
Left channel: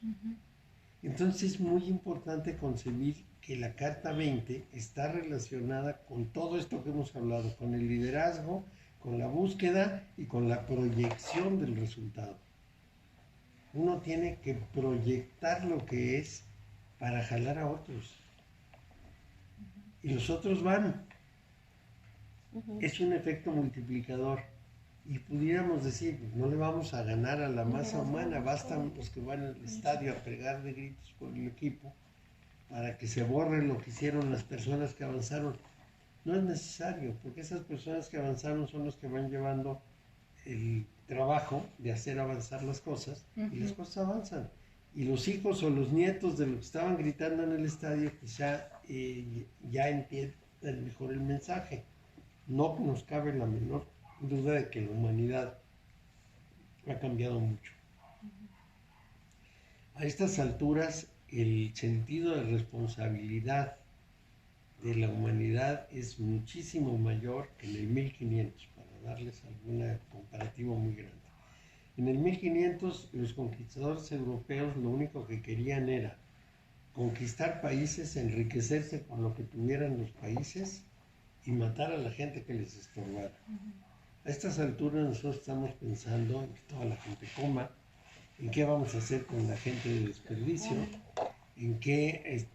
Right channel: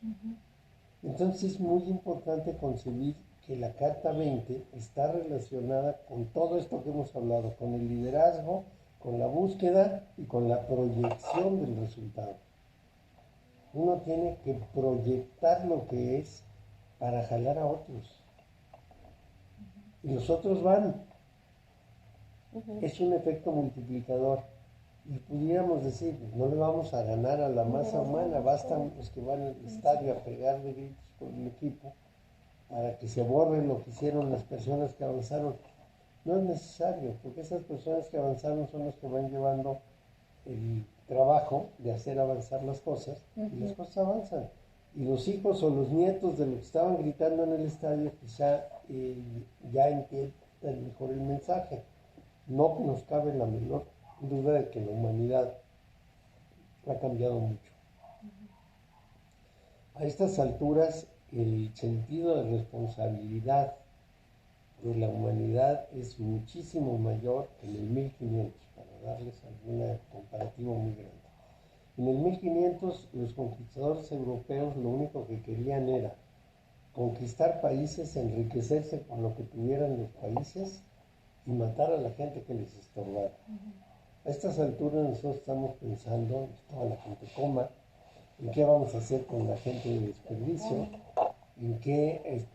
Entonces es muy importante concebir que la Carta 20 está relacionada con todo esto que hemos hablado, con el liderazgo, con la búsqueda y con la proyección del resultado. Uno tiene que proyectar lo que es para jalar a otros. Y los otros van. es un efecto multiplicador. Y pudiéramos decir, no le vamos a ganar a la masa humana, bastan los que van al estadio a pegar de gritos por el equipo para que se borre lo que hicieron las personas que avanzaron. No es necesario, porque esas personas que avanzaron son las que van llevando el trabajo de hacer avanzar las cosas, y las cosas avanzan. Y los hijos o los nietos de los que estaban gritando en el estadio quizá ya entiendan mejor el mensaje. No nos cabe la menor duda de que la humanidad ha cambiado mucho. A estas alturas, el sentido de responsabilidad de la humanidad es muchísimo mayor que en el 1500, para darles algún comparativo muy grande. En el 1500, los conquistadores europeos lo único que querían era conquistar países, enriquecerse con lo que tuvieran los países y matar a la gente que les estorbara. A estas alturas nosotros estamos pensando en que toda la gente coma, en qué vamos a hacer con la gente de desperdicio, en qué,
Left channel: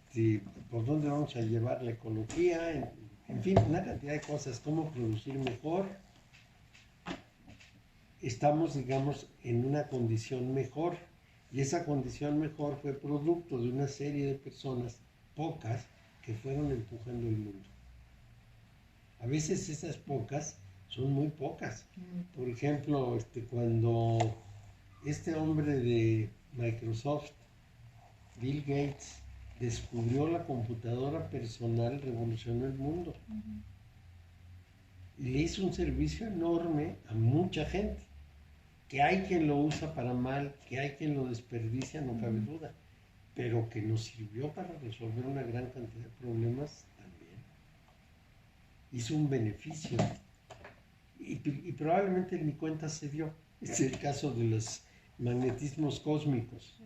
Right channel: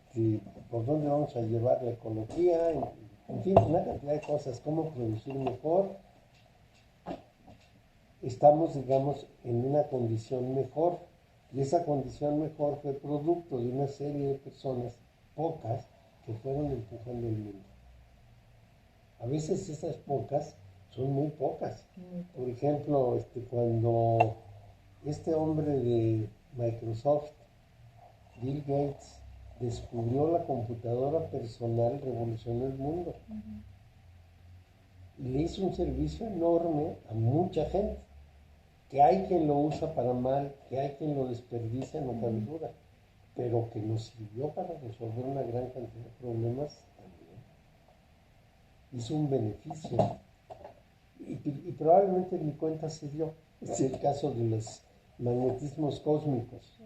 por dónde vamos a llevar la ecología, en fin, una cantidad de cosas, cómo producir mejor. Estamos, digamos, en una condición mejor, y esa condición mejor fue producto de una serie de personas, pocas, que fueron empujando el mundo. A veces esas pocas son muy pocas. Por ejemplo, cuando este hombre de Microsoft, Bill Gates, descubrió la computadora personal, revolucionó el mundo. Y le hizo un servicio enorme a mucha gente. Que hay quien lo usa para mal, que hay quien lo desperdicia, no cabe duda. Pero que nos sirvió para resolver una gran cantidad de problemas también. Hizo un beneficio. Y probablemente ni cuenta se dio. Es el caso de los magnetismos cósmicos.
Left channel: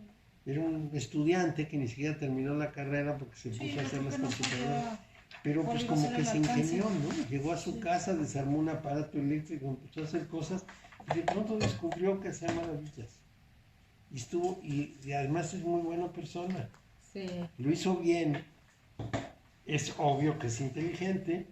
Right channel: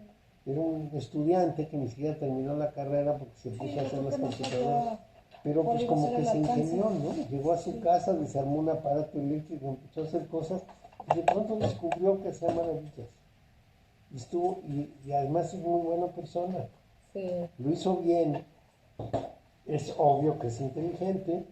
Era un estudiante que ni siquiera terminó la carrera porque se puso a hacer las computadoras. Pero pues como que se ingenió, ¿no? Llegó a su casa, desarmó un aparato eléctrico, empezó a hacer cosas y de pronto descubrió que hacía maravillas. Y además es muy buena persona. Sí. Lo hizo bien. Es obvio que es inteligente,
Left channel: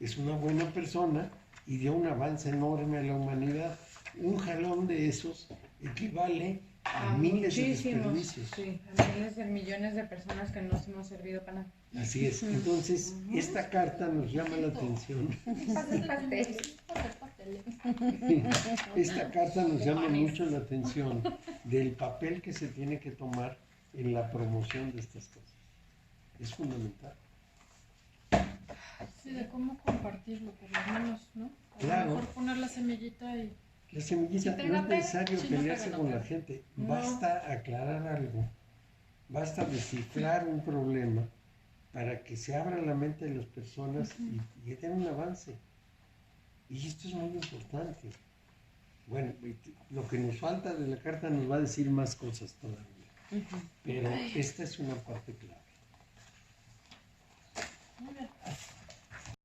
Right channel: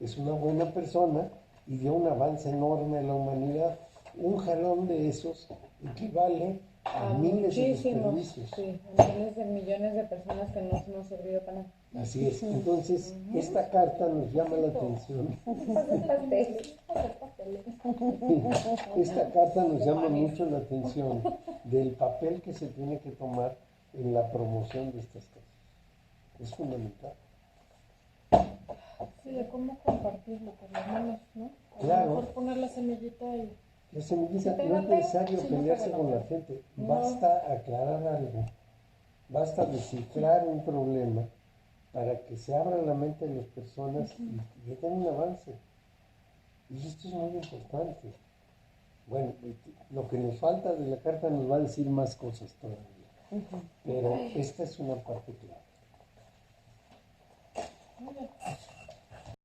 es una buena persona y dio un avance enorme a la humanidad. Un jalón de esos equivale a miles de desperdicios. Sí, a miles de millones de personas que no hemos servido para nada. Así es. Entonces, esta carta nos llama la atención. Esta carta nos llama mucho la atención del papel que se tiene que tomar en la promoción de estas cosas. Es fundamental. Sí, de cómo compartirlo, por lo menos, ¿no? Claro. A lo mejor poner la semillita y... La semillita Si no es necesario sí, pelearse no con pega. la gente. No. Basta aclarar algo. Basta descifrar un problema para que se abra la mente de las personas y que tengan un avance. Y esto es muy importante. Bueno, lo que nos falta de la carta nos va a decir más cosas todavía. Pero esta es una parte clave.